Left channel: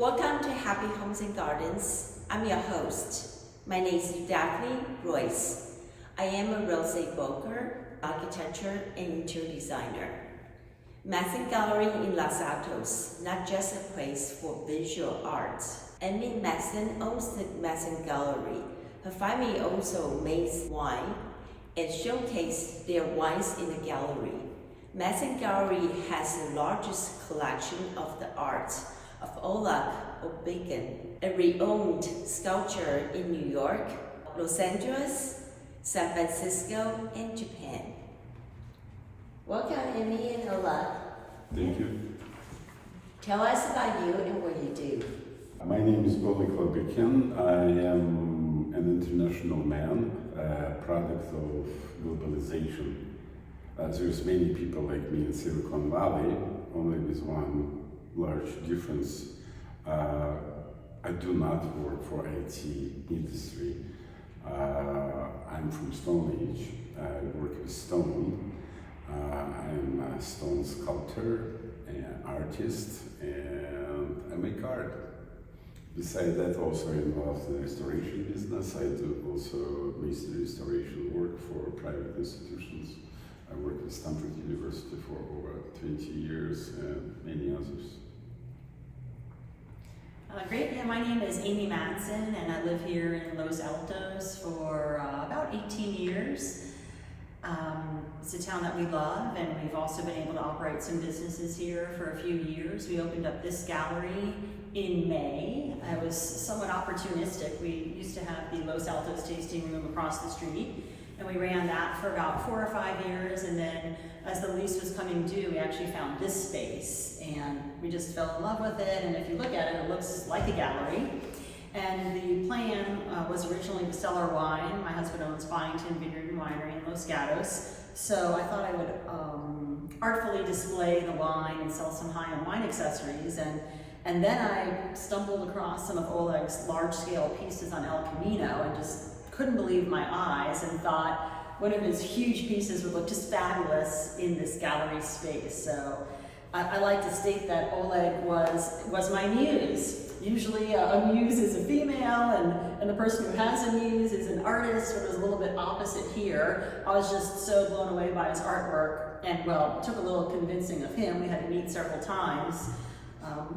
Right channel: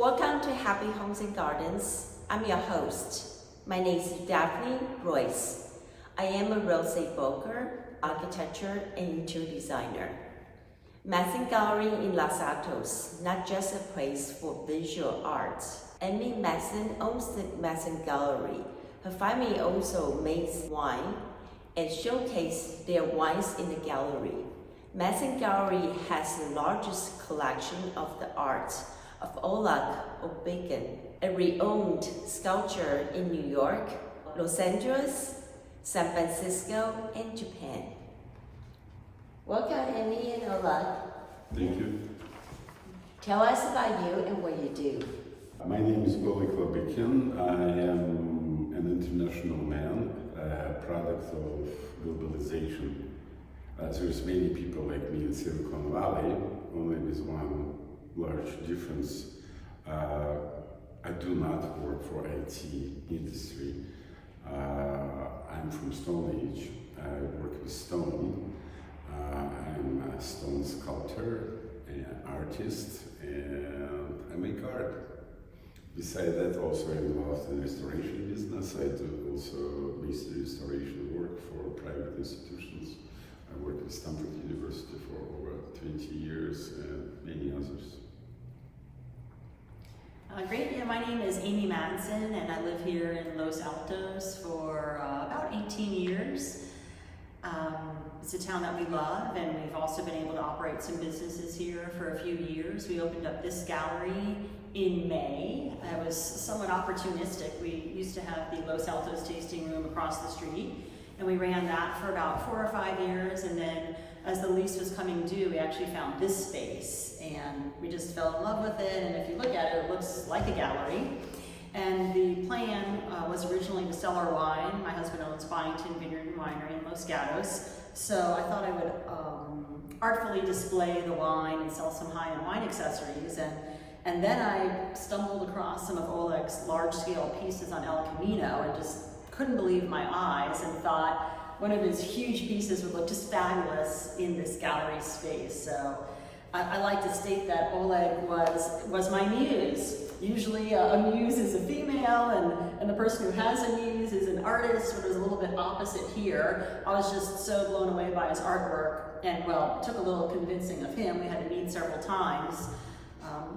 Welcome to Happy Homes and Gardens. I'm your host. My name is Daphne Royce. I am a real estate broker, architecture, and interior designer. Madsen Gallery in Los Altos, not just a place for visual arts. Amy Madsen owns the Madsen Gallery. Her family also makes wine and showcases their wines in the gallery. Madsen Gallery has the largest collection of the art of Oleg Lobykin, a renowned sculptor in New York, Los Angeles, San Francisco, and Japan. Welcome, Amy and Oleg. Thank you. Tell us about you and what you do. My name is Oleg Lobykin. I am an international man, a product of globalization. There's many people like me in Silicon Valley, only with one large difference. I do not work for IT industry. I'm from Stone Age. I work with stone. I'm a stone sculptor, an artist, and I make art. Besides that, also involved in the restoration business. I do also masonry restoration work for private institutions. I worked with Stanford University for over 20 years and many others. Great, yeah, my name is Amy Madsen and I live here in Los Altos for about 18 years. It's a town that we love, and we've also been able to operate some businesses here for a few years. We opened up this gallery in May. It was somewhat opportunistic. We used to have the Los Altos tasting room across the street, and we ran that for about 4 or 5 years, and then as the lease was coming due, we actually found this space, and we just fell in love with it, and if you look at it, it looks like a gallery. And the plan was originally to sell our wine. My husband owns Byington, Vineyard and Winery in Los Altos, so I thought I would artfully display the wine and sell some high-end wine accessories, and then I stumbled across some of Oleg's large-scale pieces on El Camino and just couldn't believe my eyes and thought one of his huge pieces would look just fabulous in this gallery space. So I like to state that Oleg was my muse. Usually a muse is a female and the person who has a muse is an artist, but it was a little bit opposite here. I was just so blown away by his artwork, and well, it took a little convincing of him. We had to meet several times.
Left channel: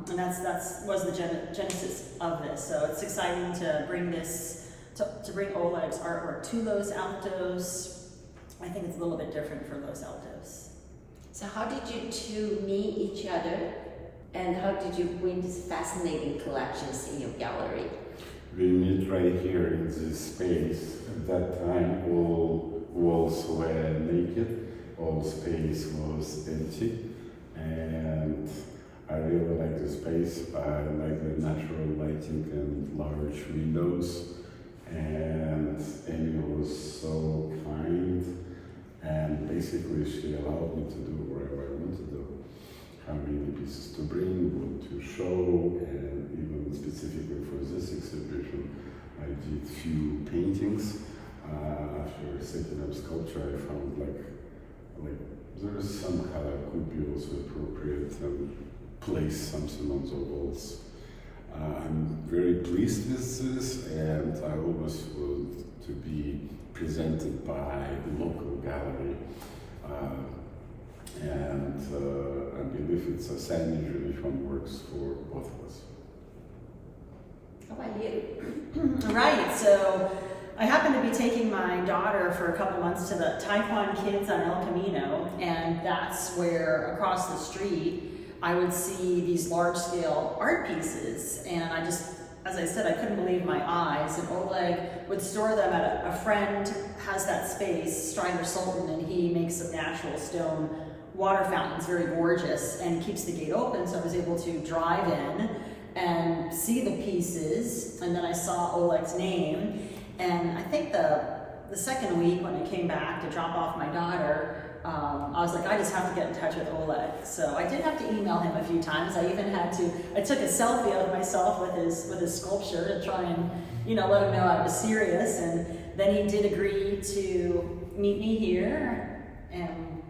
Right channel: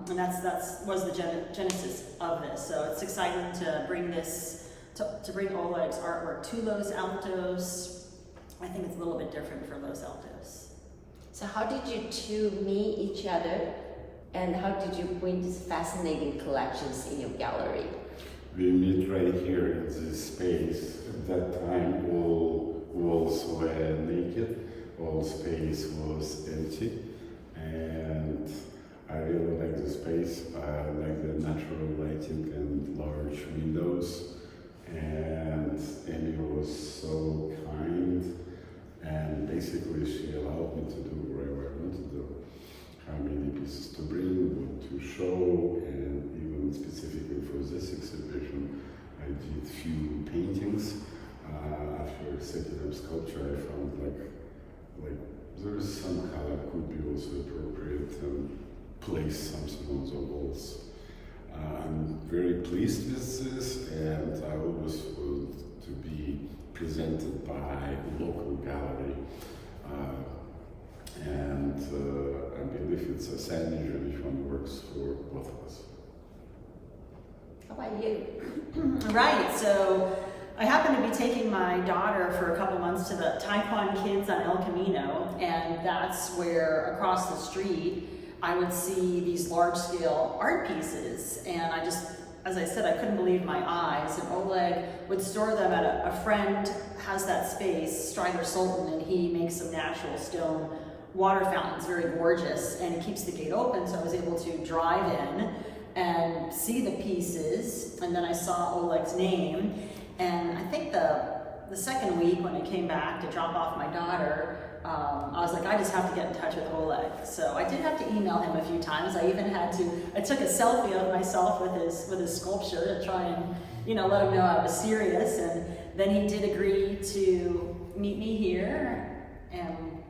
And that's was the genesis of this. So it's exciting to bring this, to bring Oleg's artwork to Los Altos. I think it's a little bit different for Los Altos. So how did you two meet each other? And how did you bring these fascinating collections in your gallery? We meet right here in this space. At that time, all walls were naked, all space was empty, and I really like the space. I like the natural lighting and large windows, and Amy was so kind, and basically she allowed me to do whatever I want to do. How many pieces to bring, what to show, and even specifically for this exhibition, I did few paintings. After setting up sculpture, I found like there's some color could be also appropriate and place something on the walls. I'm very pleased with this, and I always want to be presented by a local gallery. And I believe it's a synergy which one works for both of us. How about you? Right, so I happen to be taking my daughter for a couple months to the Taekwondo Kids on El Camino, and that's where across the street I would see these large-scale art pieces, and I just, as I said, I couldn't believe my eyes, and Oleg would store them at a friend has that space, Strider Sultan, and he makes some natural stone water fountains, very gorgeous, and keeps the gate open, so I was able to drive in and see the pieces, and then I saw Oleg's name, and I think the second week when I came back to drop off my daughter, I was like, I just have to get in touch with Oleg. So I did have to email him a few times. I even had to, I took a selfie of myself with his sculpture to try and, let him know I was serious, and then he did agree to meet me here, and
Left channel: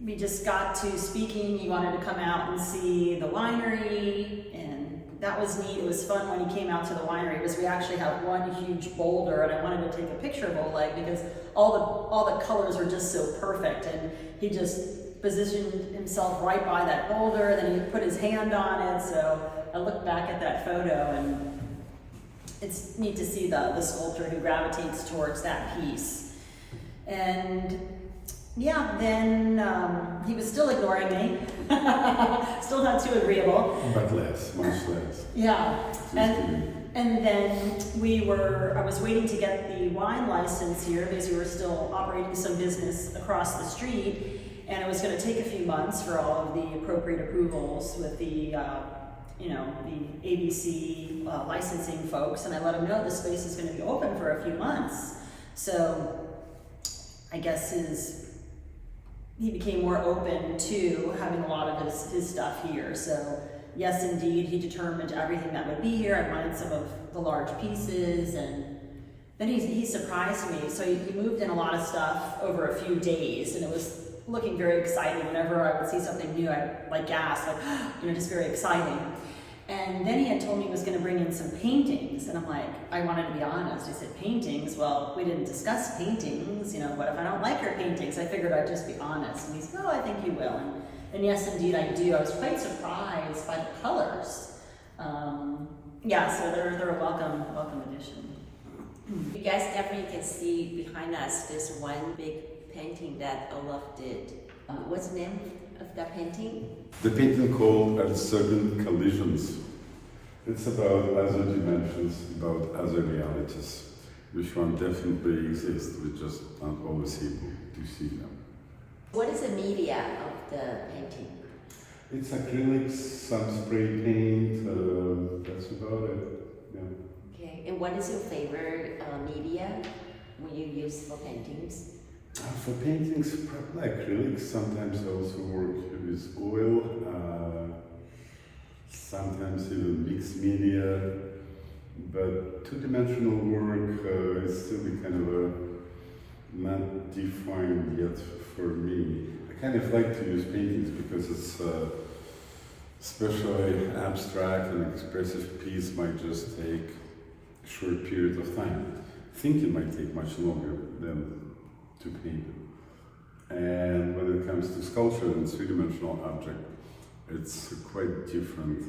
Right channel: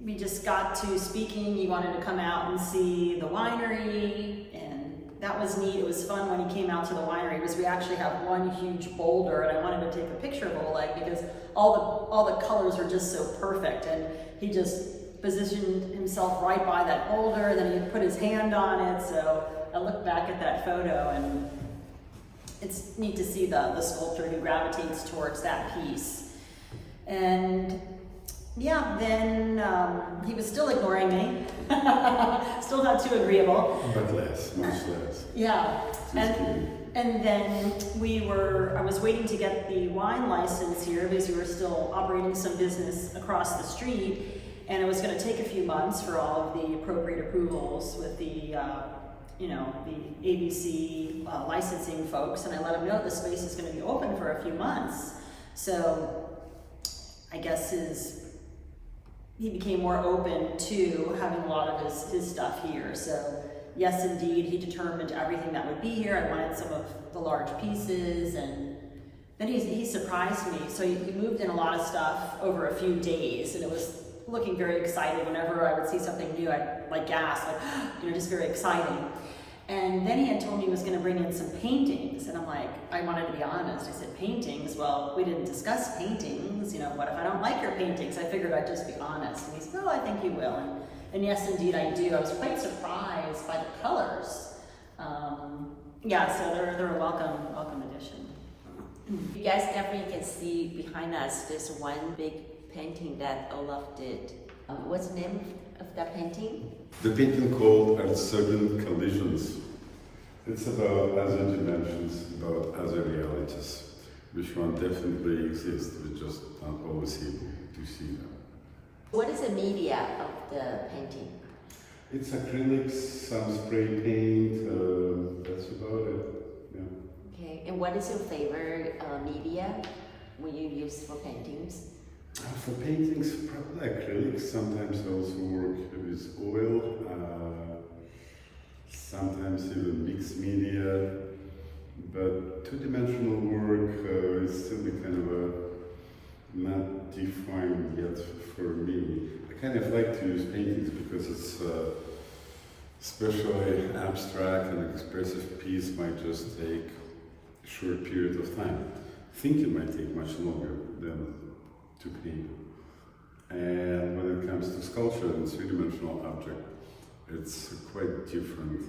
we just got to speaking. He wanted to come out and see the winery, and that was neat. It was fun when he came out to the winery because we actually have one huge boulder, and I wanted to take a picture of Oleg because all the colors are just so perfect, and he just positioned himself right by that boulder, and then he had put his hand on it. So I looked back at that photo, and it's neat to see the sculptor who gravitates towards that piece. And yeah, then he was still ignoring me, still not too agreeable. But less, much less. Yeah, and then I was waiting to get the wine license here because we were still operating some business across the street, and it was going to take a few months for all of the appropriate approvals with the the ABC licensing folks, and I let them know the space is going to be open for a few months. So I guess he became more open to having a lot of his stuff here. So yes, indeed, he determined everything that would be here. I wanted some of the large pieces, and then he surprised me. So he moved in a lot of stuff over a few days, and it was looking very exciting. Whenever I would see something new, I'd gasp, just very exciting. And then he had told me he was going to bring in some paintings, and I'm like, I wanted to be honest. I said, paintings? Well, we didn't discuss paintings. What if I don't like your paintings? I figured I'd just be honest. And he said, oh, I think you will. And yes, indeed, I do. I was quite surprised by the colors. So they're a welcome addition. You guys definitely can see behind us this one big painting that Olaf did. What's the name of that painting? The painting called Uncertain Collisions. It's about other dimensions, about other realities, which one definitely exists, we just not always able to see them. What is the media of the painting? It's acrylics, some spray paint, that's about it. Yeah. Okay, and what is your favorite media when you use for paintings? For paintings, probably acrylics. Sometimes I also work with oil, sometimes even mixed media, but two-dimensional work is still kind of not defined yet for me. I kind of like to use paintings because it's especially abstract and expressive piece might just take a short period of time. Thinking might take much longer than to paint it. And when it comes to sculpture and three-dimensional object, it's quite different.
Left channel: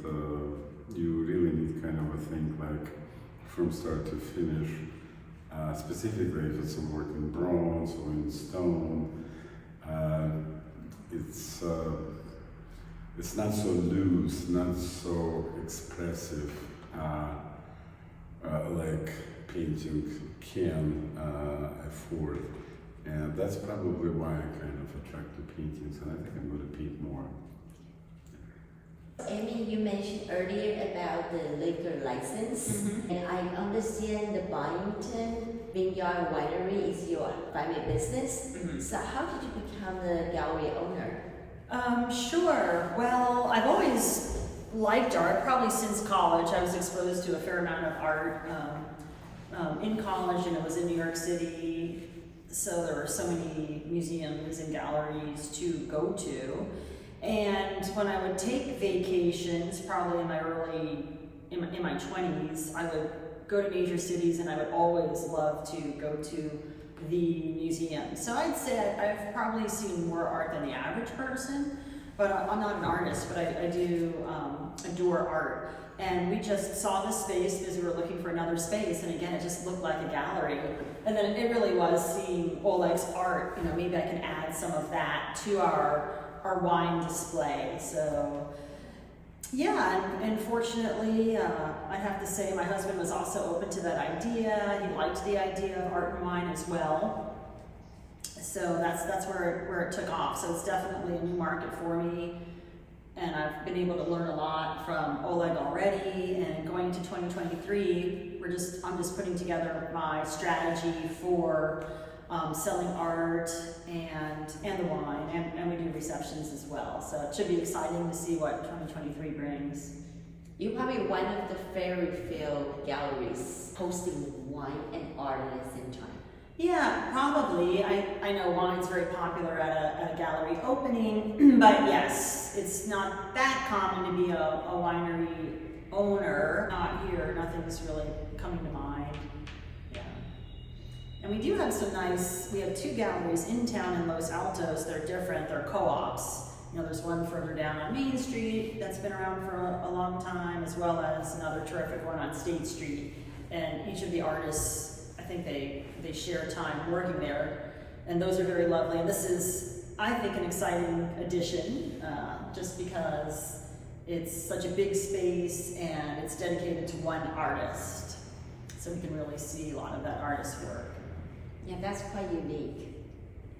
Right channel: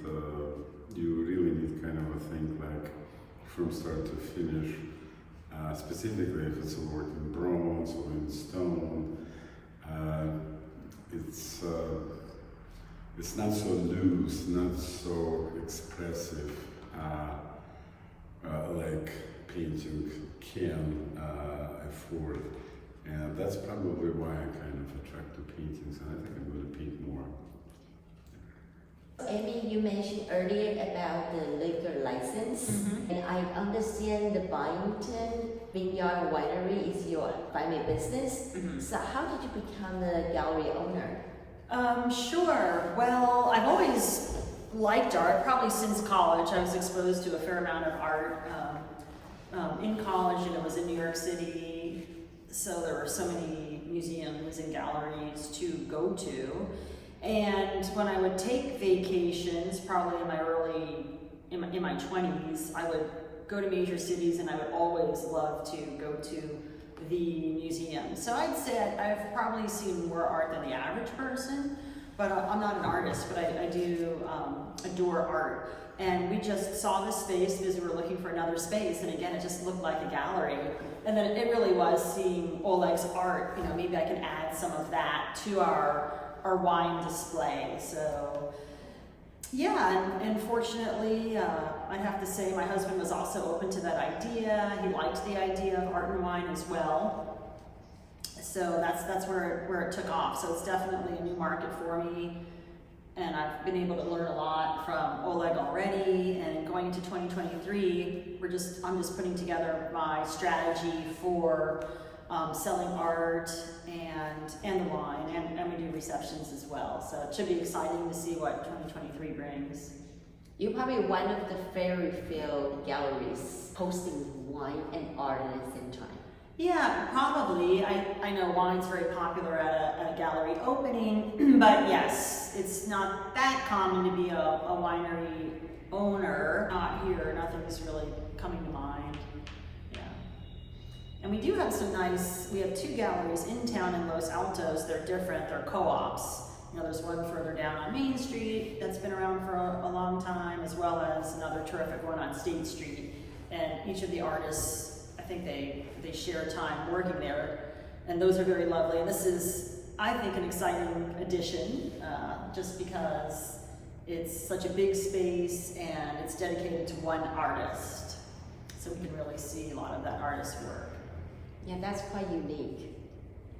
You really need kind of a thing like from start to finish, specifically if it's a work in bronze or in stone. It's not so loose, not so expressive like painting can afford. And that's probably why I kind of attract to paintings, and I think I'm going to paint more. Amy, you mentioned earlier about the liquor license, and I understand the Byington Vineyard Winery is your family business. So how did you become the gallery owner? Sure. Well, I've always liked art, probably since college. I was exposed to a fair amount of art in college, and it was in New York City. So there were so many museums and galleries to go to. And when I would take vacations, probably in my 20s, I would go to major cities, and I would always love to go to the museum. So I'd say I've probably seen more art than the average person, but I'm not an artist, but I do adore art. And we just saw this space because we were looking for another space, and again, it just looked like a gallery. And then it really was seeing Oleg's art, maybe I could add some of that to our wine display. So yeah, and fortunately, I'd have to say my husband was also open to that idea. He liked the idea of art and wine as well. So that's where it took off. So it's definitely a new market for me. And I've been able to learn a lot from Oleg already, and going into 2023, I'm just putting together my strategy for selling art and the wine, and we do receptions as well. So it should be exciting to see what 2023 brings. You're probably one of the fairy field galleries hosting wine and art at the same time. Yeah, probably. I know wine's very popular at a gallery opening, but yes, it's not that common to be a winery owner. Not here, nothing's really coming to mind. Yeah. And we do have we have 2 galleries in town in Los Altos. They're different, they're co-ops. You know, there's one further down on Main Street that's been around for a long time, as well as another terrific one on State Street. And each of the artists, I think they share time working there, and those are very lovely. And this is, I think, an exciting addition, just because it's such a big space and it's dedicated to one artist. So we can really see a lot of that artist's work. Yeah, that's quite unique.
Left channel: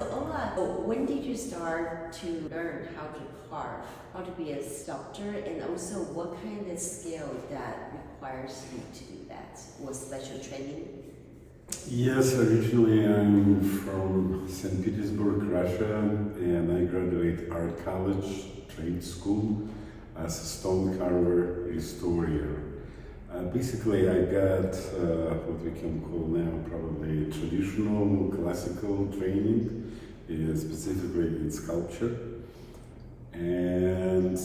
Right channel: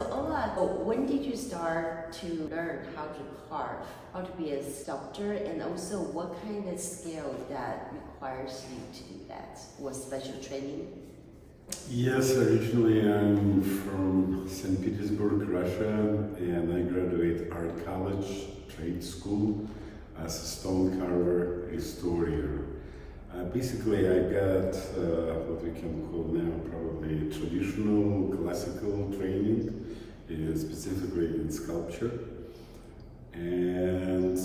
Oleg, when did you start to learn how to carve, how to be a sculptor, and also what kind of skill that requires you to do that? Was special training? Yes, originally I'm from St. Petersburg, Russia, and I graduated art college, trade school, as a stone carver, restorer. Basically, I got what we can call now probably traditional classical training, specifically in sculpture, and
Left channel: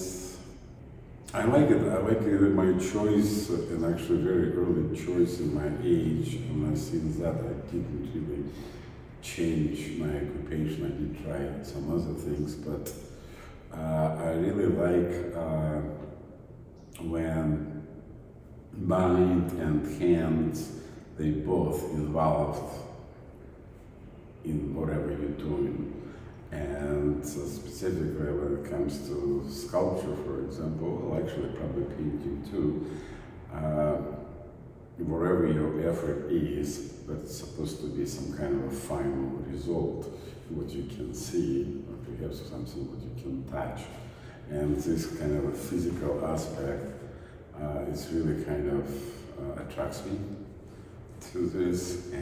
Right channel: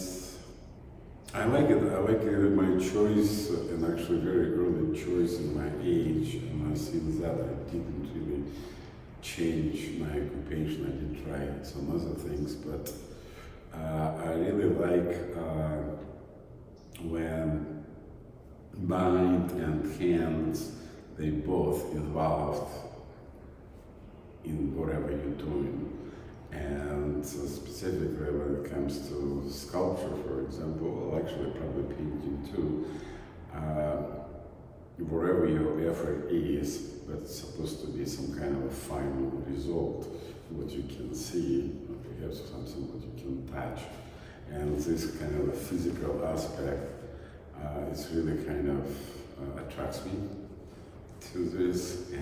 I like it. I like my choice, and actually very early choice in my age. And since that, I didn't really change my occupation. I did try some other things, but I really like when mind and hands, they both involved in whatever you're doing. And specifically when it comes to sculpture, for example, well, actually probably painting too, whatever your effort is, but it's supposed to be some kind of a final result, what you can see, perhaps something what you can touch. And this kind of a physical aspect is really kind of attracts me to this,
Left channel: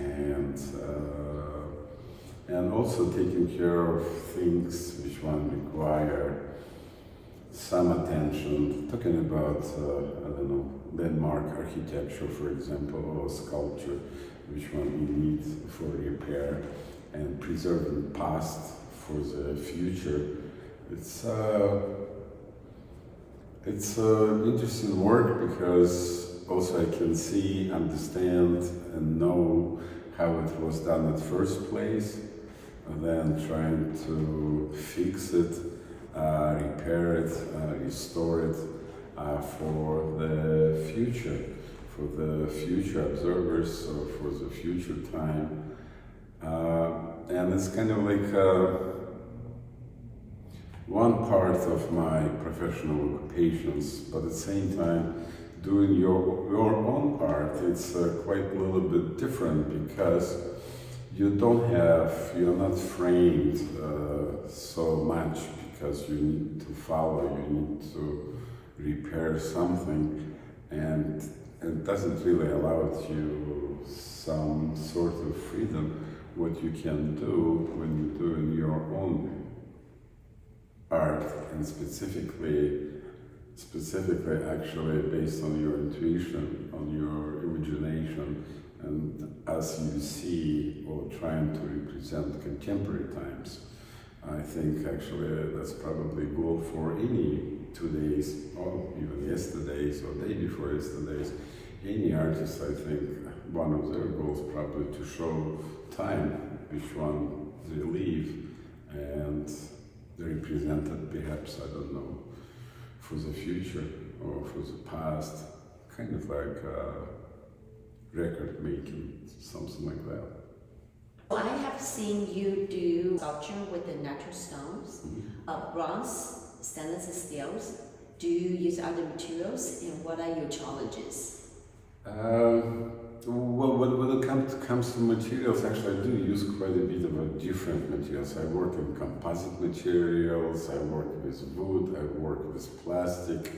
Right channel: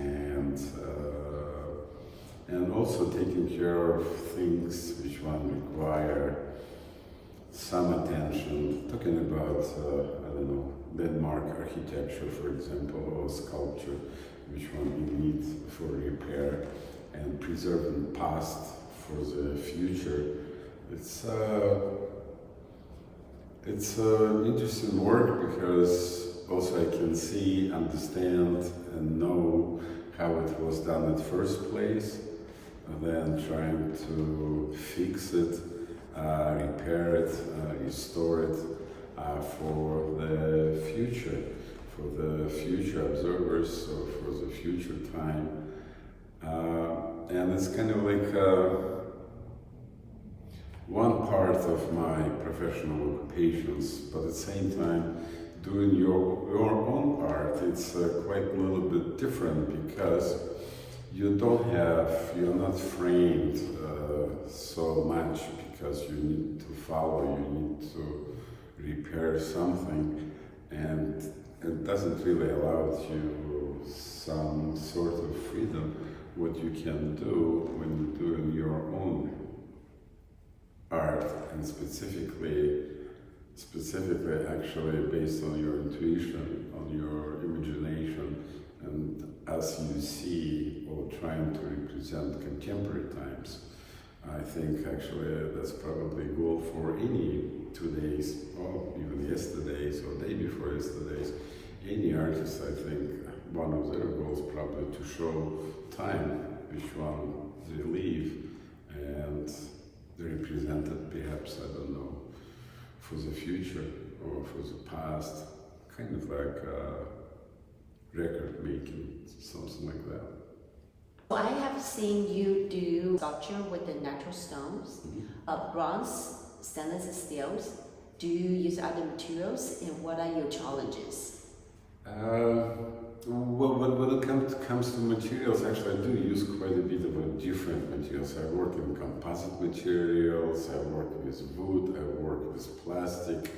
and also taking care of things which one require some attention. Talking about, I don't know, landmark architecture, for example, or sculpture, which one you need for repair, and preserving past for the future. It's interesting work because also I can see, understand, and know how it was done at first place, and then trying to fix it, repair it, restore it for the future observers, or for the future time. And it's kind of like one part of my professional occupations, but at the same time, doing your own art, it's quite a little bit different because you're not framed so much, because you need to follow, you need to repair something, and it doesn't really allow you some sort of freedom what you can do when you're doing your own art, and specifically actually based on your intuition, on your imagination, and as you see or trying to represent contemporary times. I think actually that's probably a goal for any today's, or even yesterday's, or day before yesterday's, any artist. I think one of their goals probably to show time which one they live, and they represented perhaps, I don't know, for the future or for the past, kind of like record making, something like that. Well, I have seen you do sculpture with the natural stones, bronze, stainless steels. Do you use other materials, and what are your challenges? Well, when it comes to materials, actually I do use quite a bit of different materials. I work in composite materials, I work with wood, I work with plastic,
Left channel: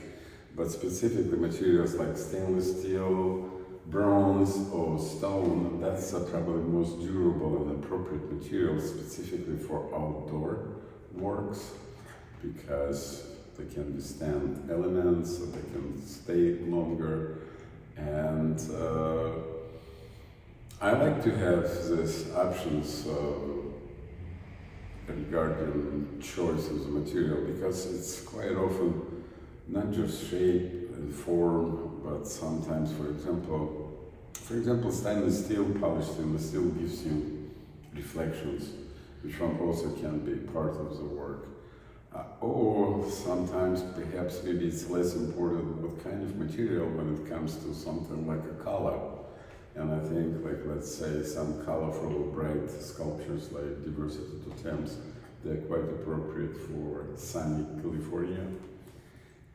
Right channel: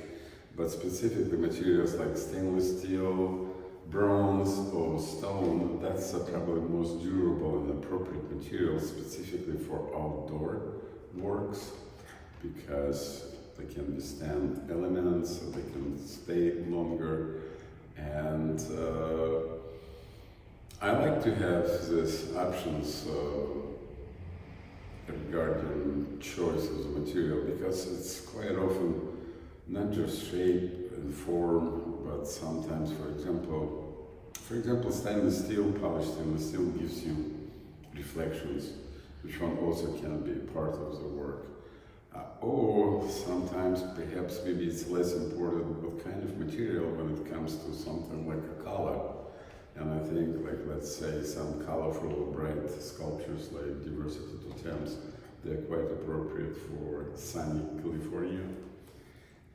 but specifically materials like stainless steel, bronze or stone, that's probably the most durable and appropriate material specifically for outdoor works, because they can withstand elements, they can stay longer, and I like to have these options regarding choice of the material, because it's quite often not just shape and form, but sometimes, for example, stainless steel, polished stainless steel gives you reflections, which one also can be part of the work. Or sometimes, perhaps, maybe it's less important what kind of material when it comes to something like a color. And I think, like, let's say, some colorful, bright sculptures like Diversity to Thames, they're quite appropriate for sunny California.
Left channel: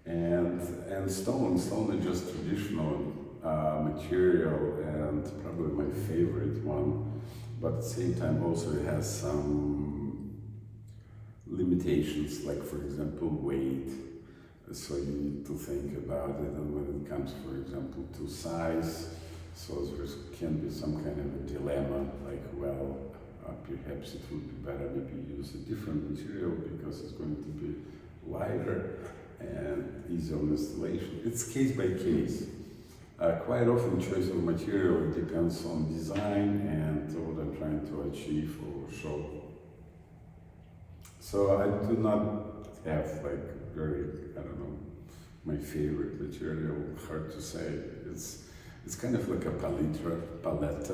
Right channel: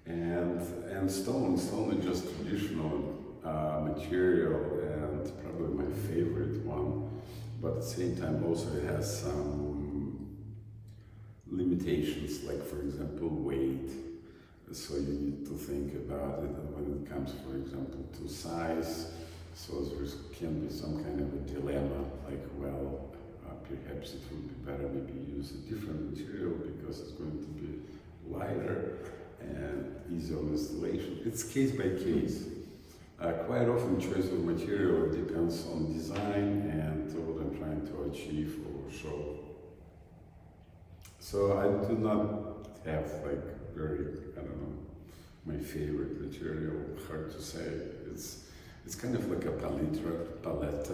And stone is just traditional material, and probably my favorite one, but at the same time also it has some limitations, like, for example, weight. So you need to think about it, and when it comes, for example, to size, so there can be some kind of a dilemma, like, well, perhaps it would be better maybe use a different material because it's going to be lighter and easier on installation. It's case by case. Quite often choice of material depends on design and what I'm trying to achieve or show. So I do not have, like, very, I don't know, my favorite material, hard to say. It's kind of like a palette,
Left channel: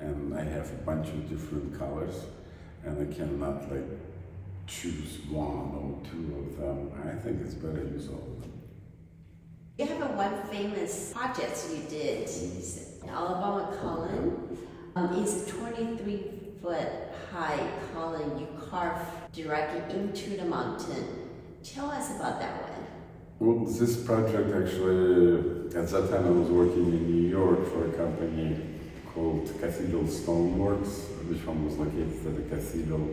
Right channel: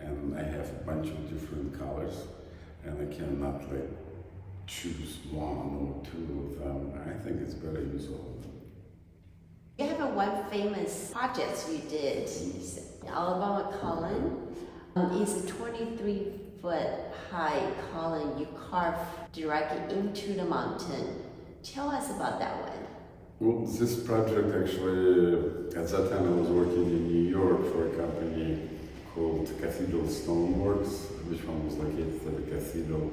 and I have a bunch of different colors, and I cannot, like, choose one or two of them. I think it's better to use all of them. You have one famous project you did, Alabama column. It's a 23-foot high column you carved directly into the mountain. Tell us about that one. Well, this project actually, at that time I was working in New York for a company called Cathedral Stoneworks, which one was located at the Cathedral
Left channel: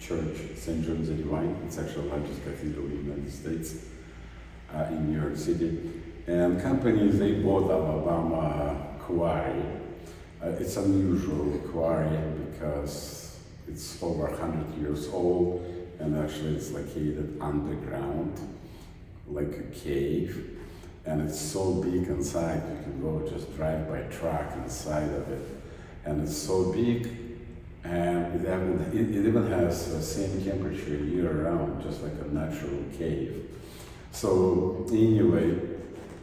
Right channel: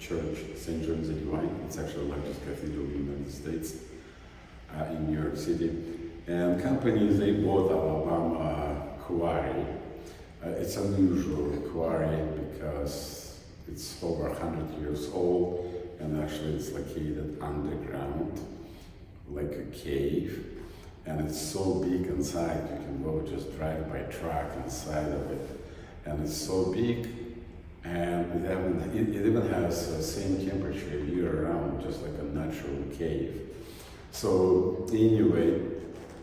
Church, St. James the Divine. It's actually the largest cathedral in the United States, in New York City. And companies, they bought Alabama quarry. It's unusual quarry because it's over 100 years old, and actually it's located underground, like a cave. And it's so big inside, you can go just drive by truck inside of it. And it's so big, and it even has the same temperature year round, just like a natural cave. So anyway,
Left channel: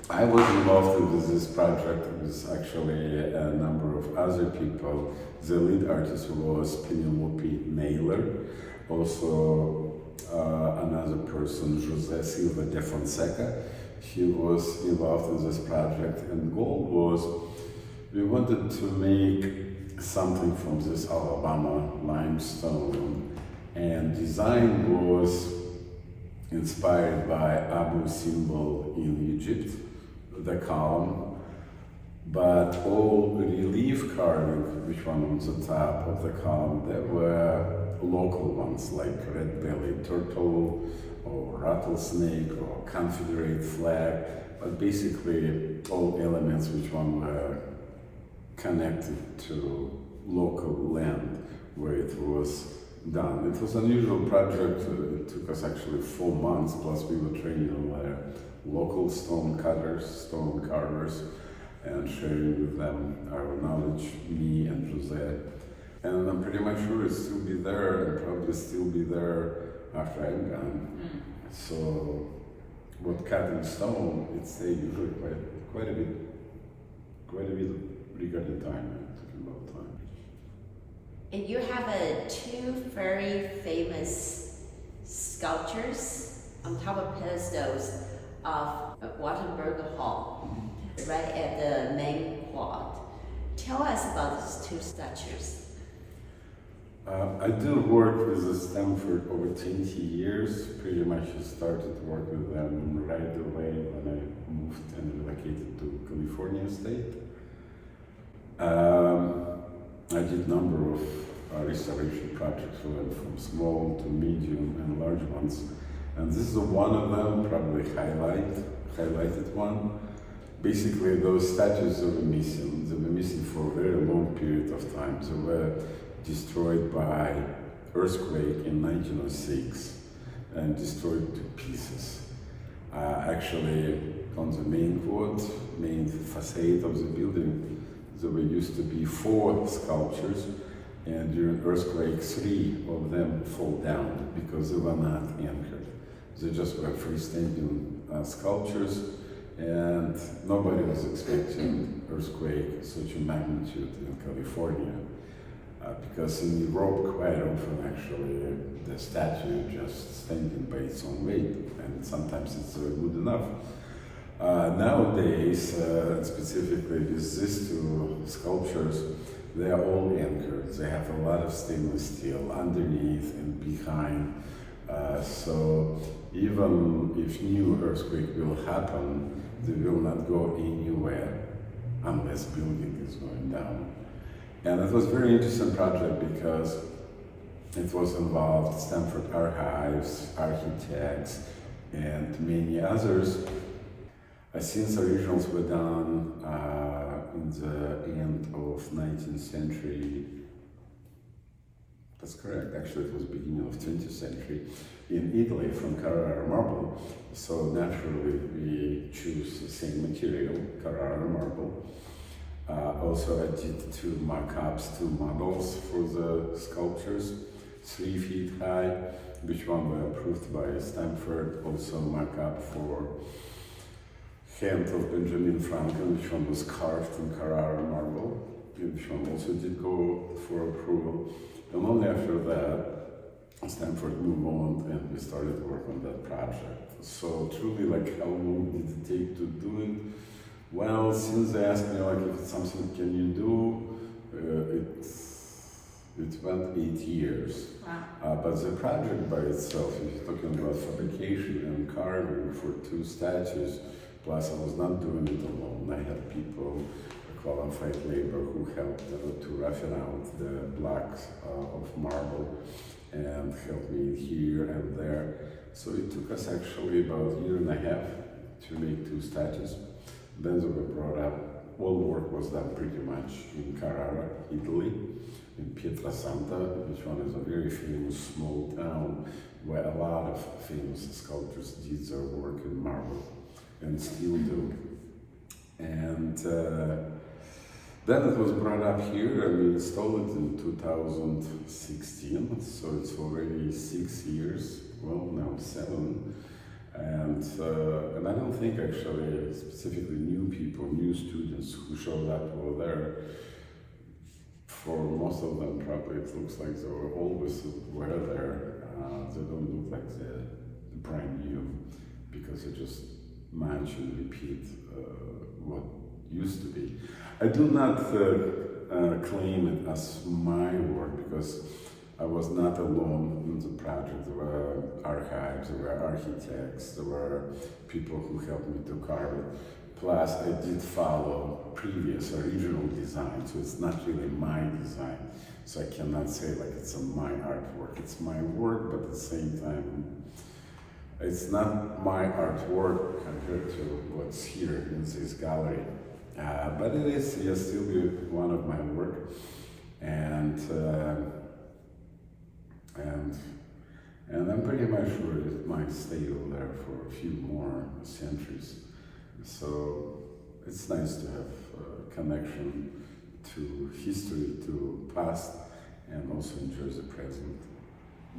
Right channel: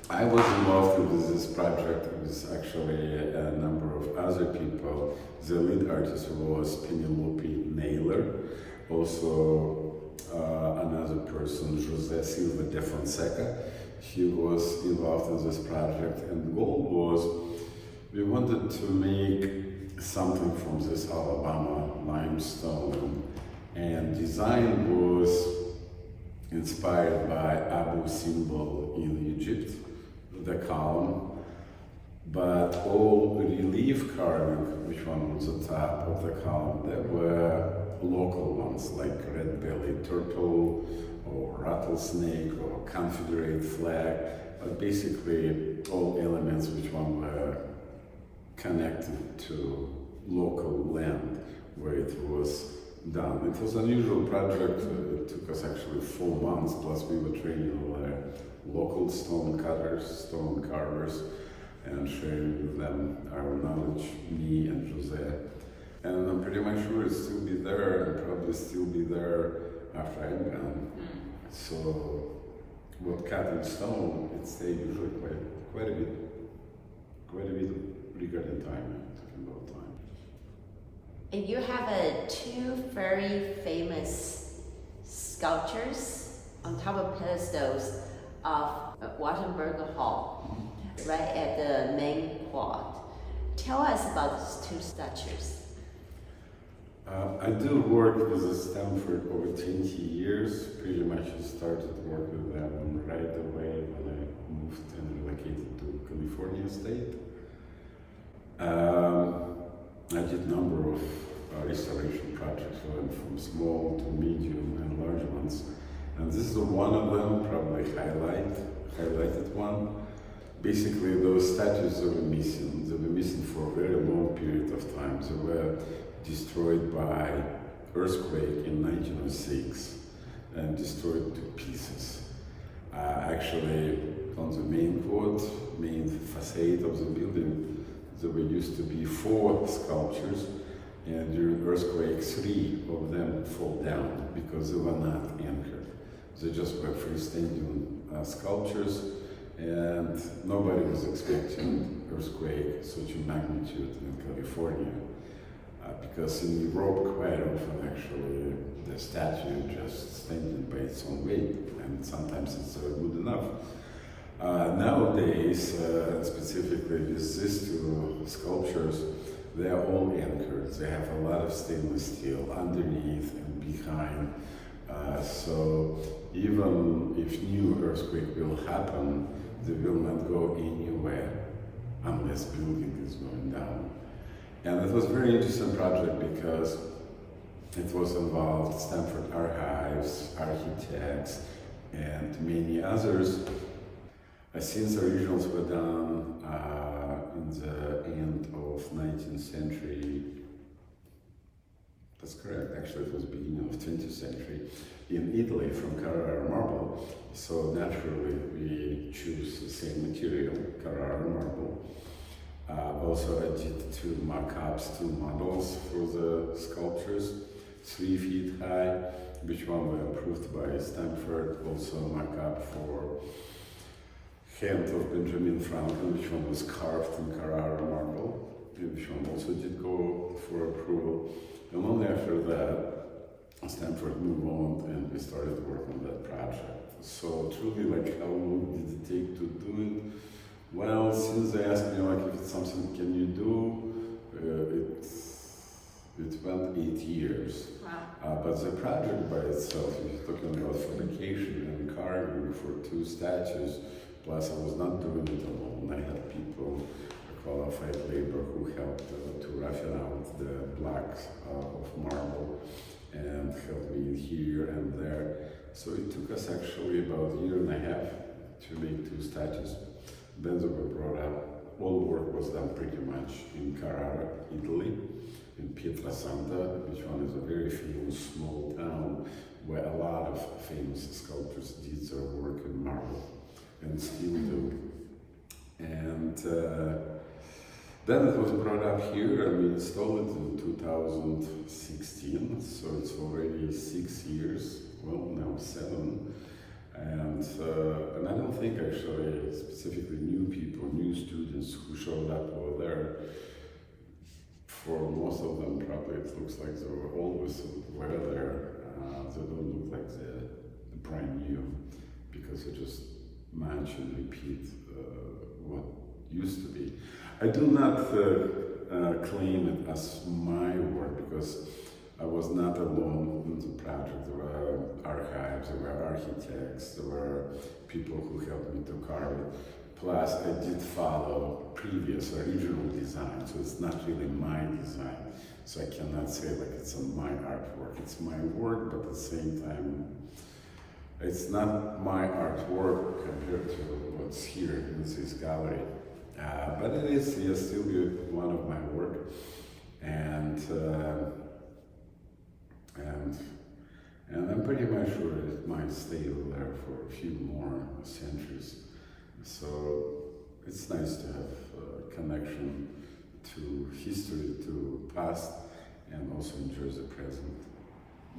I was involved with this project with actually a number of other people. The lead artist was Penelope Naylor, also another person, Jose Silva de Fonseca. He was involved in this project, and the goal was we wanted to make something from this Alabama limestone, and design was inspired by Abu Simbel in Egypt, the column, but all the relief carving, which one on the top of the column, there were local ones like red-bellied turtle or rattlesnake or Confederate flag, but basically all elements which one were connected to local land where it was done. It was an unusual project. It took us actually 4 months, plus we were training local stone cutters, stone carvers, and sharing with them our knowledge, me and Jose. And I'm pretty much sure it'll still be there, and probably still be there after I'm gone. So, with cutting stone, it stays usually quite a bit regarding time, talking about time. And you have two very famous sculptures on top of pedestals of Wittenberg Hall, right at the main quad. Tell us about these two statues. I did work with them for over 20 years. Pretty much started work with them right away when I moved and relocated to California state. I did a number of restoration projects for them, from small to medium and large ones. And this is one of them, probably highlighted one. Basically, those statues that were missing. They were missing for a very long period of time. They were destroyed by earthquake in 1906 and destroyed to pieces. Actually, on the main facade of the building, There were used to be 4 sculptures, and during earthquake, 3 of them fall down because they were not anchored. They just were freestanding sculptures, and nobody was expecting earthquake such a magnitude in California. Because in Europe, quite often actually, the statue just standing by its own weight, and sometimes it's good enough. Nowadays, specifically with these 2 sculptures, they are all anchored. They have a lot of stainless steel underneath and behind. So even if new earthquake will happen, they will not go anywhere unless building is going down. And it was a very interesting project because it was involved Stanford archives, architects, and many others. Since the originals were done in the end of 19th century, that's correct, actually it was the beginning of 20th century, in Italy from Carrara marble. So naturally we choose the same material, Carrara marble. Also I did 2 mock-ups, 2 models for the sculptures, 3 feet high, which one were approved by Stanford, also a mock-up for hand of Benjamin Franklin, which one was carved in Carrara marble, which one also did go for approval. And only after that, Stanford moved on and we started work on that project. So truly, like, how long did it take to do it? Well, since they asked me, like, if it's something can you do, it went 8 years. Wow. But the project by itself, if you're talking about fabrication and carving for 2 statues, plus I was not doing it alone. I had people, qualified labor, who helped to roughen out the blocks of marble and helped me here and there. So it took us actually about 1.5 years to make 2 statues. Then they were brought up. All work was done pretty much in Carrara, Italy, in Pietrasanta, which one is a very famous small town where a lot of famous sculptors did their work in marble and still do. And then it was brought up here and we installed it in 2016, so it's already 6 years, well now 7. And I don't think actually specifically new people, new students who showed up over there, for most of them probably it looks like they were always were there. They don't look like they're brand new because they just match and repeat what used to be. I do not claim it as my work because I was not alone in the project. There were archives, there were architects, there were people who helped me to carve it. Plus, I did follow previous original design, so it's not really my design. So I cannot say like it's my artwork. It's my work, but at the same time, it's not my artwork compared to what's here in this gallery. But it is still one of my work, and I'm pretty much sure it might stay over there for a few more centuries. So it's nice to have a connection to history, to past, and also enjoy the present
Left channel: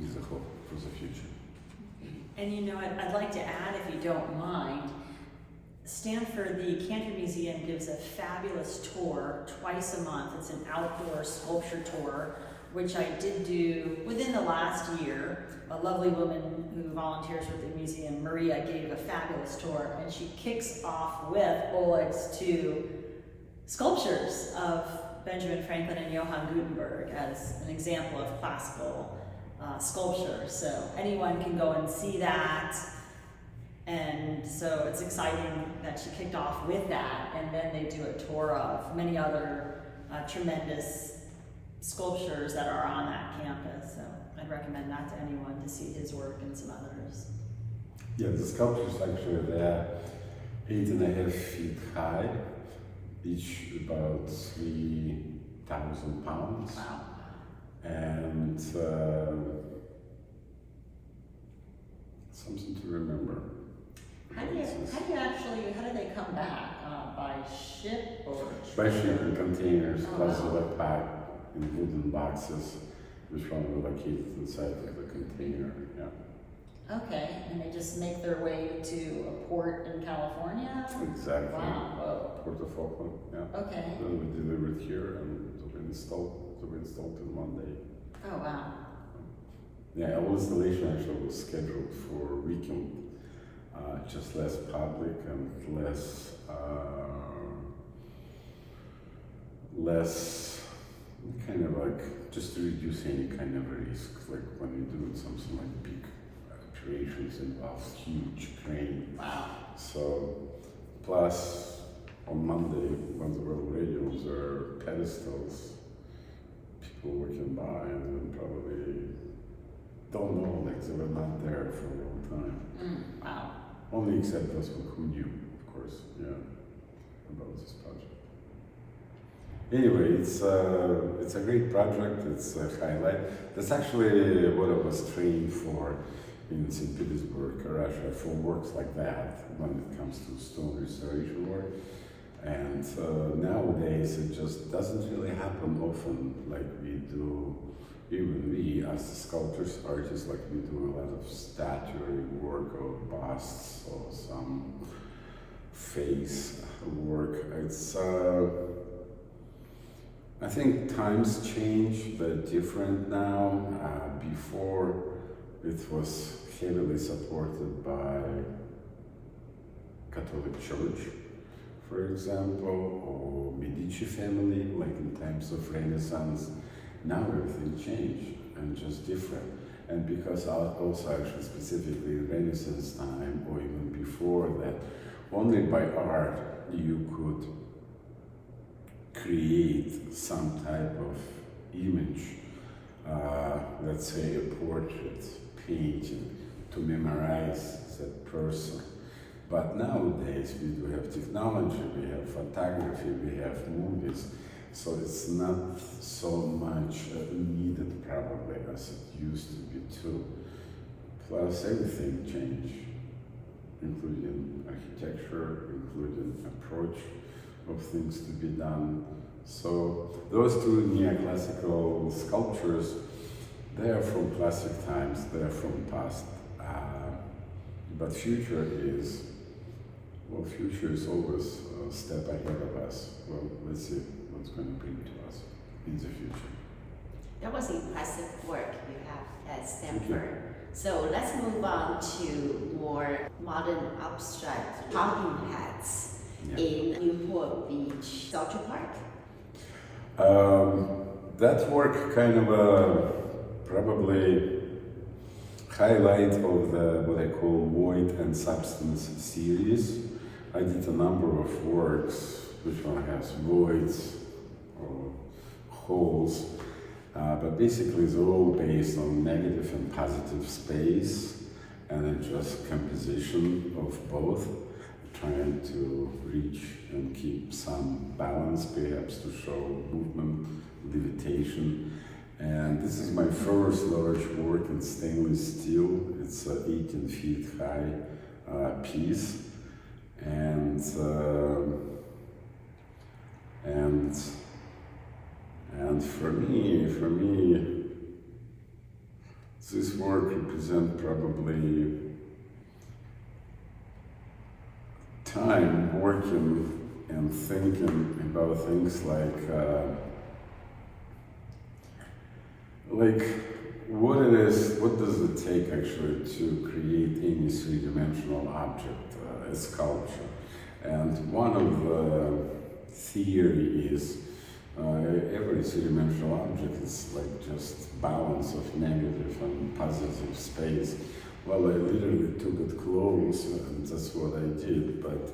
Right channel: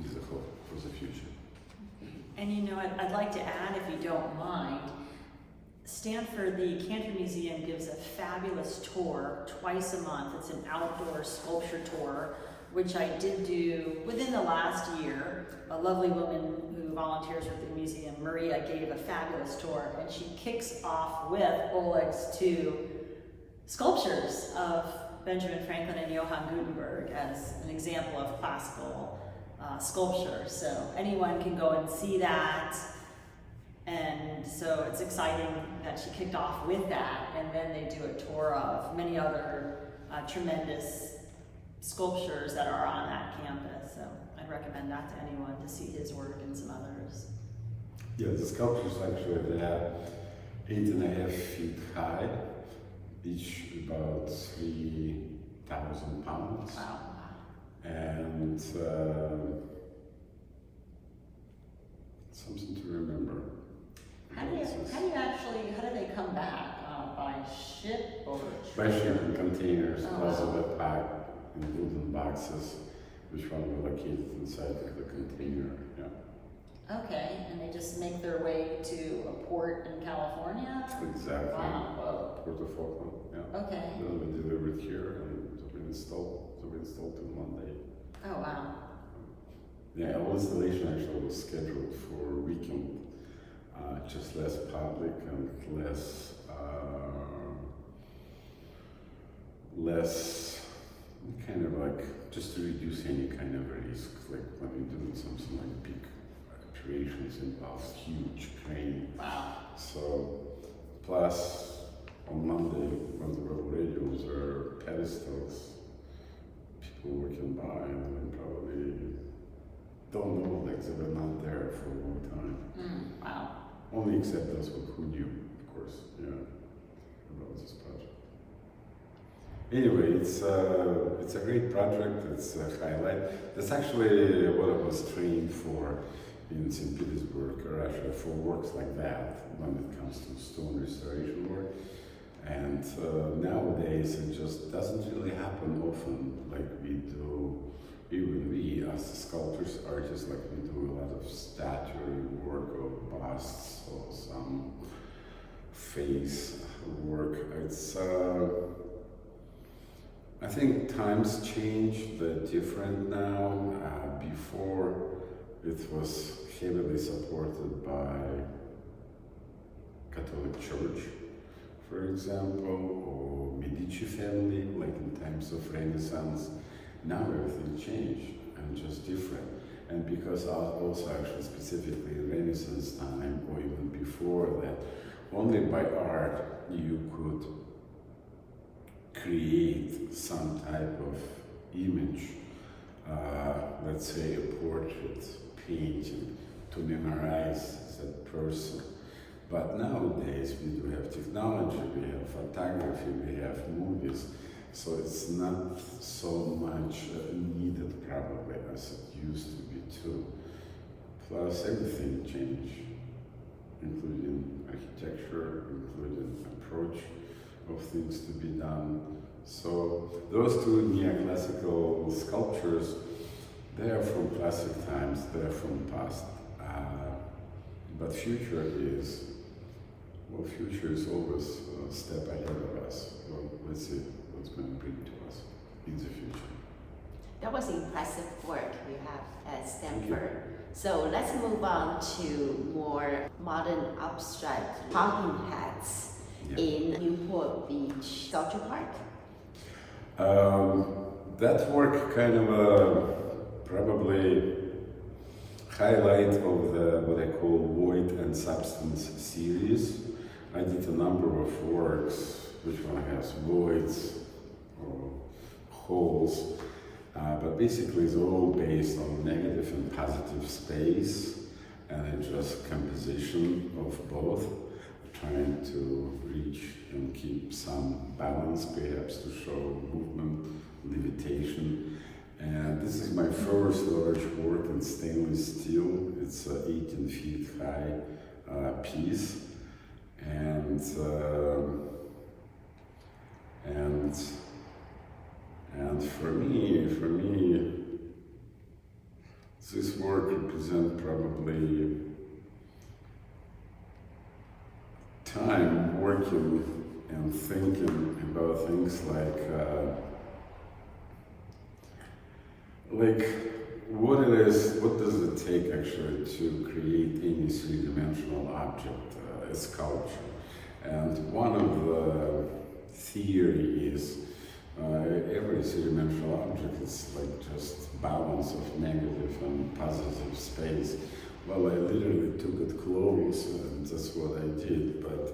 with a hope for the future. And you know, I'd like to add, if you don't mind, Stanford, the Cantor Museum gives a fabulous tour twice a month. It's an outdoor sculpture tour, which I did do within the last year. A lovely woman who volunteers with the museum, Maria, gave a fabulous tour, and she kicks off with Oleg's 2 sculptures of Benjamin Franklin and Johann Gutenberg as an example of classical sculpture. So anyone can go and see that. And so it's exciting that she kicked off with that, and then they do a tour of many other tremendous sculptures that are on that campus. So I'd recommend that to anyone to see his work and some others. Yeah, the sculptures actually they're 8.5 feet high, each about 3,000 pounds. Wow. And something to remember. How do they come back? by ship or By shipping containers, Oh, plus wow. they're packed in wooden boxes, which one are located inside of the container. Yeah, Okay, and they just make their way to a port in California? exactly. Wow, whoa. Port of Oakland. Yeah. Okay. Then we delivered here and to be installed in one day. Oh, wow. Yeah, our installation actually was scheduled for a weekend, just less public and less kind of like just to reduce any kind of risk, like when you're doing something like big creations involves huge crane. Wow. So, plus on Monday, when they were already on their pedestals, people walking by and then probably don't know, like they were not there for a long time. Wow. Only except those who knew, of course, yeah, about this project. Anyway, it's a great project. It's a highlight. That's actually what I was trained for in St. Petersburg, Russia, for works like that when it comes to stone restoration work. And nowadays it just doesn't really happen often, like we do. Even we, as the sculptors, artists, like we do a lot of statuary work or busts or some face work. It's I think times change, they're different now. Before it was heavily supported by Catholic Church, for example, or Medici family, like in times of Renaissance. Now everything changed and just different. And because also actually specifically Renaissance time or even before that, only by art you could create some type of image, let's say a portrait, painting, to memorize that person. But nowadays we do have technology, we have photography, we have movies, so it's not so much needed probably as it used to be too. Plus everything changed, including architecture, including approach of things to be done. So those two neoclassical sculptures, they're from classic times, they're from past. But future is always a step ahead of us. Well, let's see what's going to bring to us in the future. That was impressive work you have at Stanford. So let's move on to more modern abstract talking heads in Newport Beach Sculpture Park. That work kind of probably highlight of the what I call void and substance series. I did a number of works which one has voids or holes, but basically it's all based on negative and positive space, and then just composition of both, trying to reach and keep some balance, perhaps to show movement, levitation. And this is my first large work in stainless steel. It's an 18 feet high piece, and for me, this work represents probably time working and thinking about things like what it is, what does it take actually to create any three-dimensional object, a sculpture. And one of the theory is every three-dimensional object is like just balance of negative and positive space. Well, I literally took it close, and that's what I did, but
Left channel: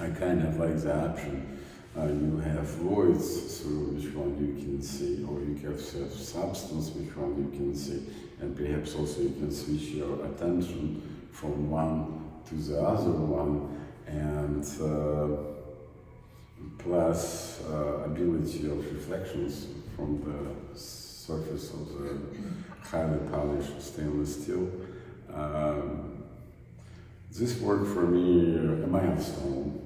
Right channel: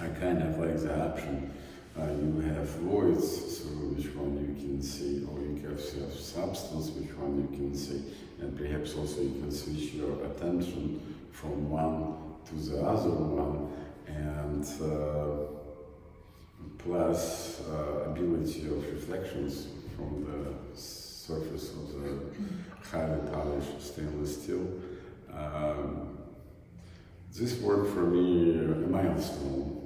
I kind of like the option. You have voids through which one you can see, or you have substance which one you can see, and perhaps also you can switch your attention from one to the other one, and plus ability of reflections from the surface of the highly polished stainless steel. This work for me, a milestone.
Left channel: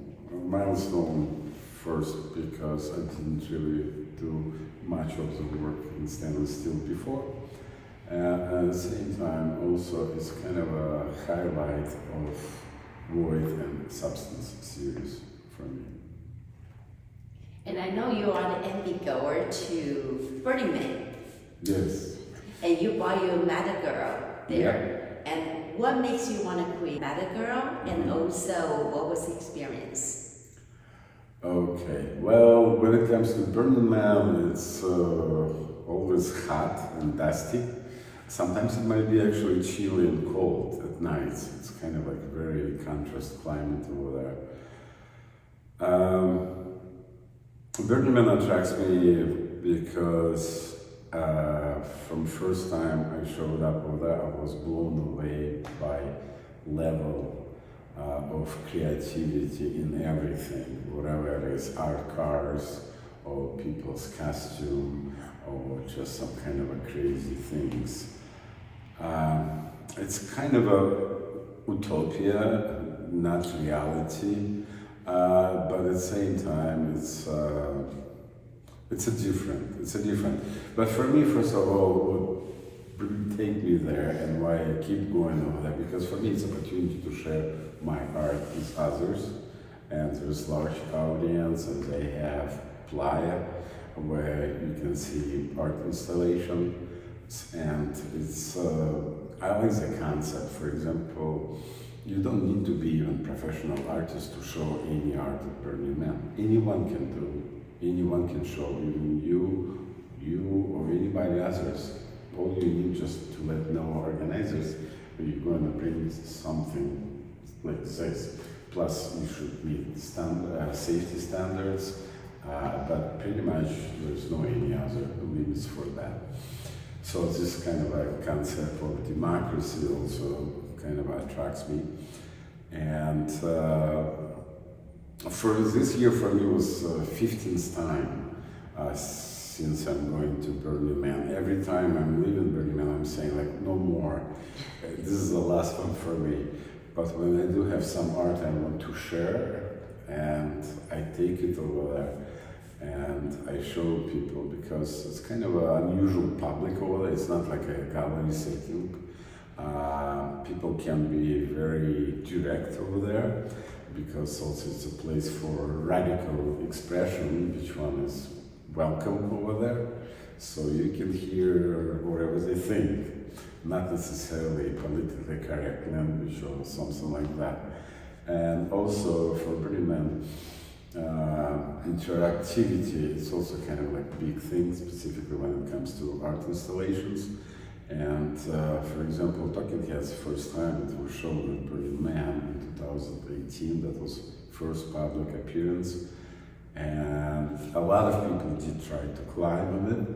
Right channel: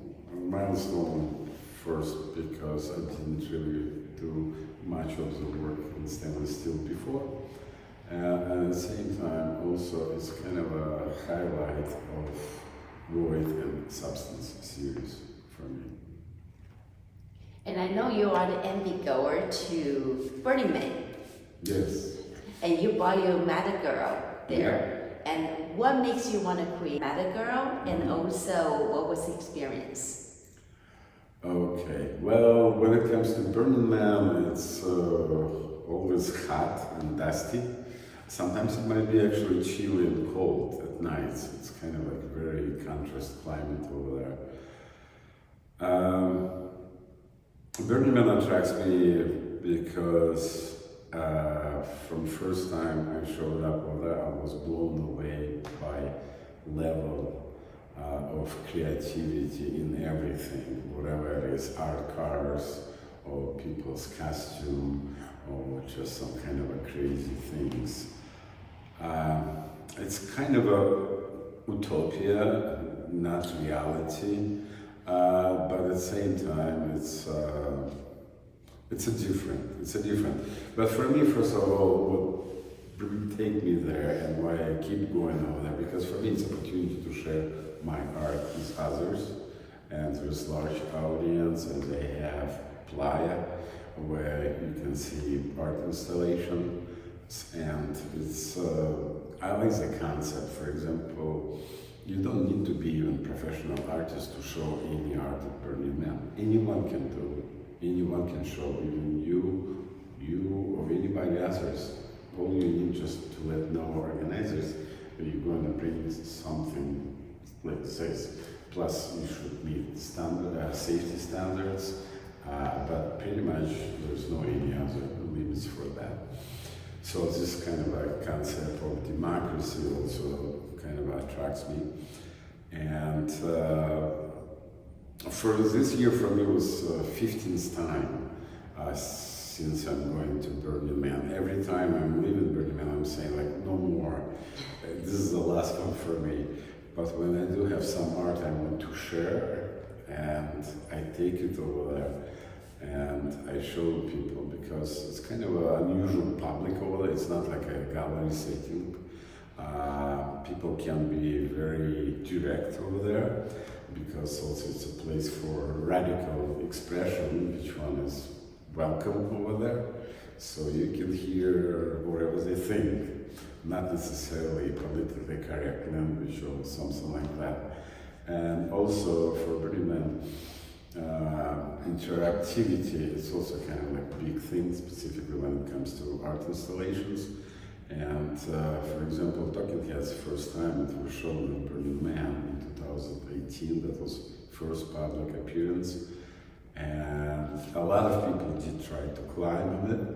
milestone first because I didn't really do much of the work in stainless steel before. At the same time, also, it's kind of a highlight of void and substance series for me. And I know you are an envy goer to Burning Man, Yes. and you bought your Mad Girl there. Yeah. And what makes you want to create Mad Girl, and also what was the experience? Okay, well, when it comes to Burning Man, it's always hot and dusty. Sometimes it might be actually chilly and cold at nights. It's kind of like a very contrast climate over there. Burning Man attracts me because from first time I showed up over there, I was blown away by level of creativity in everything, whatever it is, art cars or people's costume or just some kind of a crazy things. It's kind of a utopia, not reality, but at the same time it's a different. But for me, first of all, what really take me there and why I keep going over there, because for me it's an opportunity to share my art with others, and there's large audience, and they have playa where you can see art installation, and it's I like the concept. For example, you don't need to be even professional artist to show any art at Burning Man. Anyone can do it. Anyone can show, even you or anybody others. All you need just to let know organizers that you're going to bring something like this. Plus, you should meet safety standards, but pretty much there's no any other limits for that. So this kind of a concept of democracy also kind of attracts me. And for this year, for me, was 15th time since I'm going to Burning Man. Every time I'm leaving Burning Man, I'm saying like, no more. This is the last one for me. But when I do have some art I want to share, and I take it over there and I show people, because it's kind of an unusual public over there. It's not like a gallery setting. People can be very direct over there, because also it's a place for radical expression. Each one is welcome over there, so you can hear whatever they think, not necessarily politically correct language or something like that. And also for Burning Man, interactivity is also kind of like a big thing, specifically when it comes to art installations. And for example, Talking Heads, first time it was shown at Burning Man in 2018, that was first public appearance. And a lot of people did try to climb on it.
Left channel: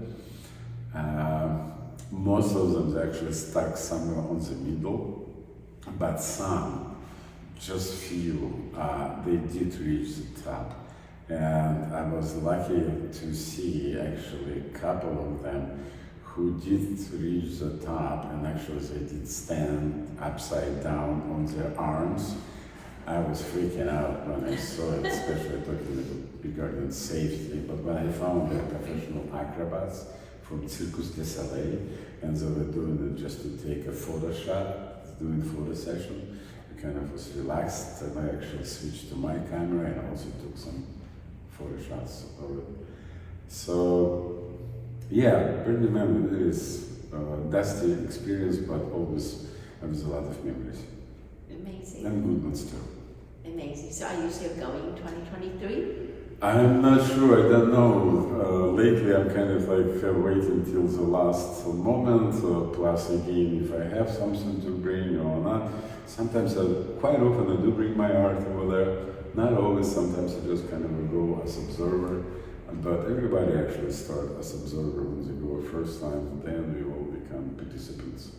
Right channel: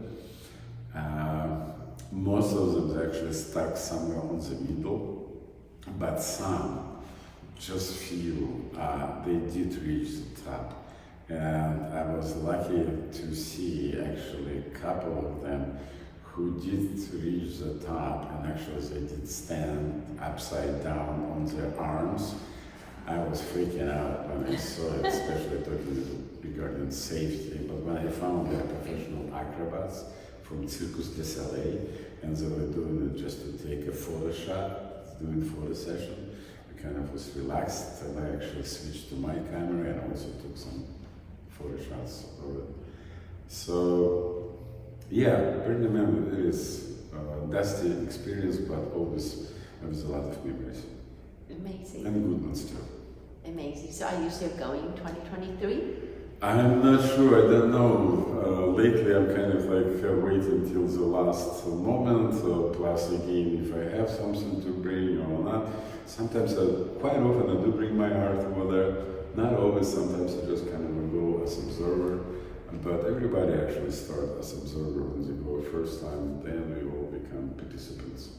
Most of them actually stuck somewhere on the middle, but some, just few, they did reach the top. And I was lucky to see actually a couple of them who did reach the top, and actually they did stand upside down on their arms. I was freaking out when I saw it, especially talking regarding safety. But when I found they're professional acrobats from Circus du Soleil, and they were doing it just to take a photo shot, doing photo session, I kind of was relaxed, and I actually switched to my camera and also took some photo shots of it. So, yeah, Burning Man is a dusty experience, but always has a lot of memories. Amazing. And good ones too. Amazing. So are you still going 2023? I'm not sure, I don't know. Lately I'm kind of like waiting till the last moment, plus again, if I have something to bring or not. Sometimes, quite often I do bring my art over there. Not always, sometimes I just kind of go as observer. But everybody actually starts as observer when they go first time, and then they all become participants.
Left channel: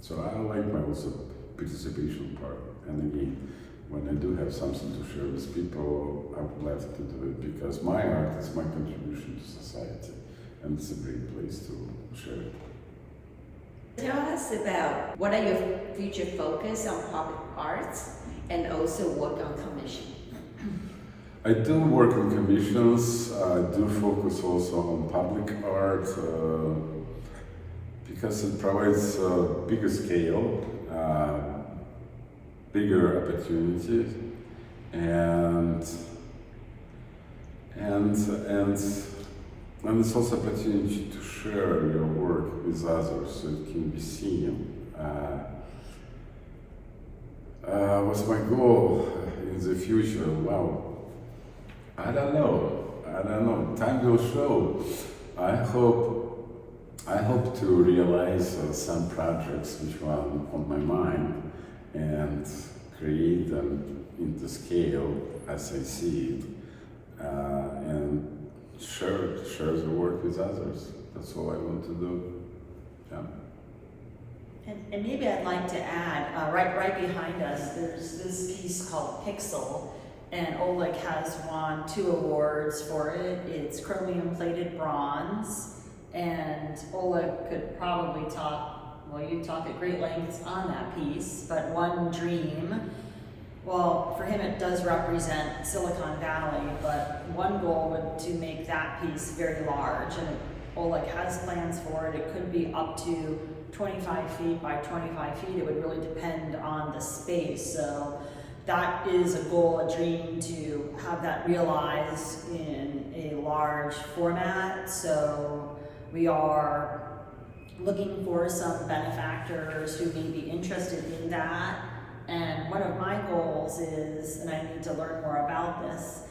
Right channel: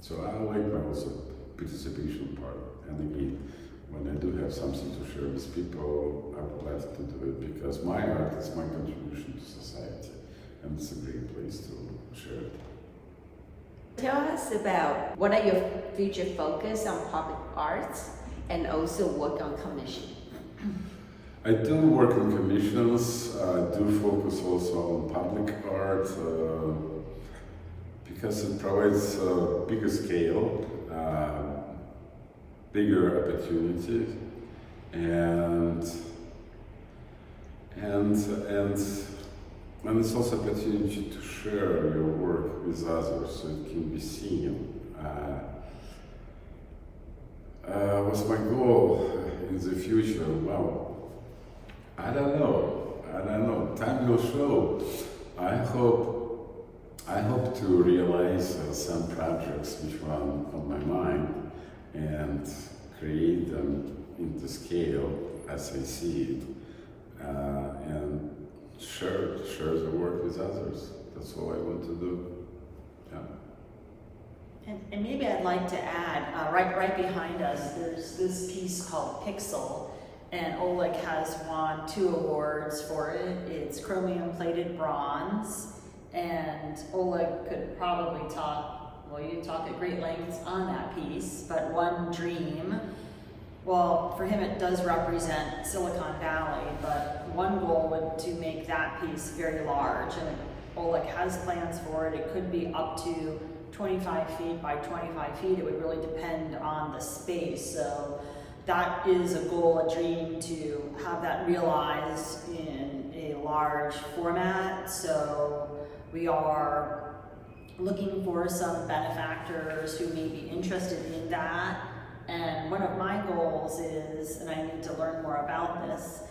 So I like my also participation part. And again, when I do have something to share with people, I would like to do it, because my art is my contribution to society, and it's a great place to share it. Tell us about what are your future focus on public arts and also work on commission. I do work in commissions. I do focus also on public art because it provides a bigger scale, bigger opportunity, and it's also opportunity to share your work with others so it can be seen. What's my goal in the future? Well, I don't know. Time will show. I hope to realize some projects which are on my mind and create them into scale as I see it, and share the work with others. That's all I want to do. Yeah. And maybe I'd like to add, right behind us, there's this piece called Pixel, and Oleg has won 2 awards for it. It's chromium plated bronze, and Oleg could probably you talk at great lengths on that piece, but one dream, well, for him it does represent Silicon Valley, but one goal would to make that piece very large, and Oleg has plans for it. It could be up to 25 feet by 25 feet. It would really depend on the space. So that is a goal, a dream, to have that realized in a large format. So we are looking for some benefactors who may be interested in that. And one of my goals is, and I need to learn more about this,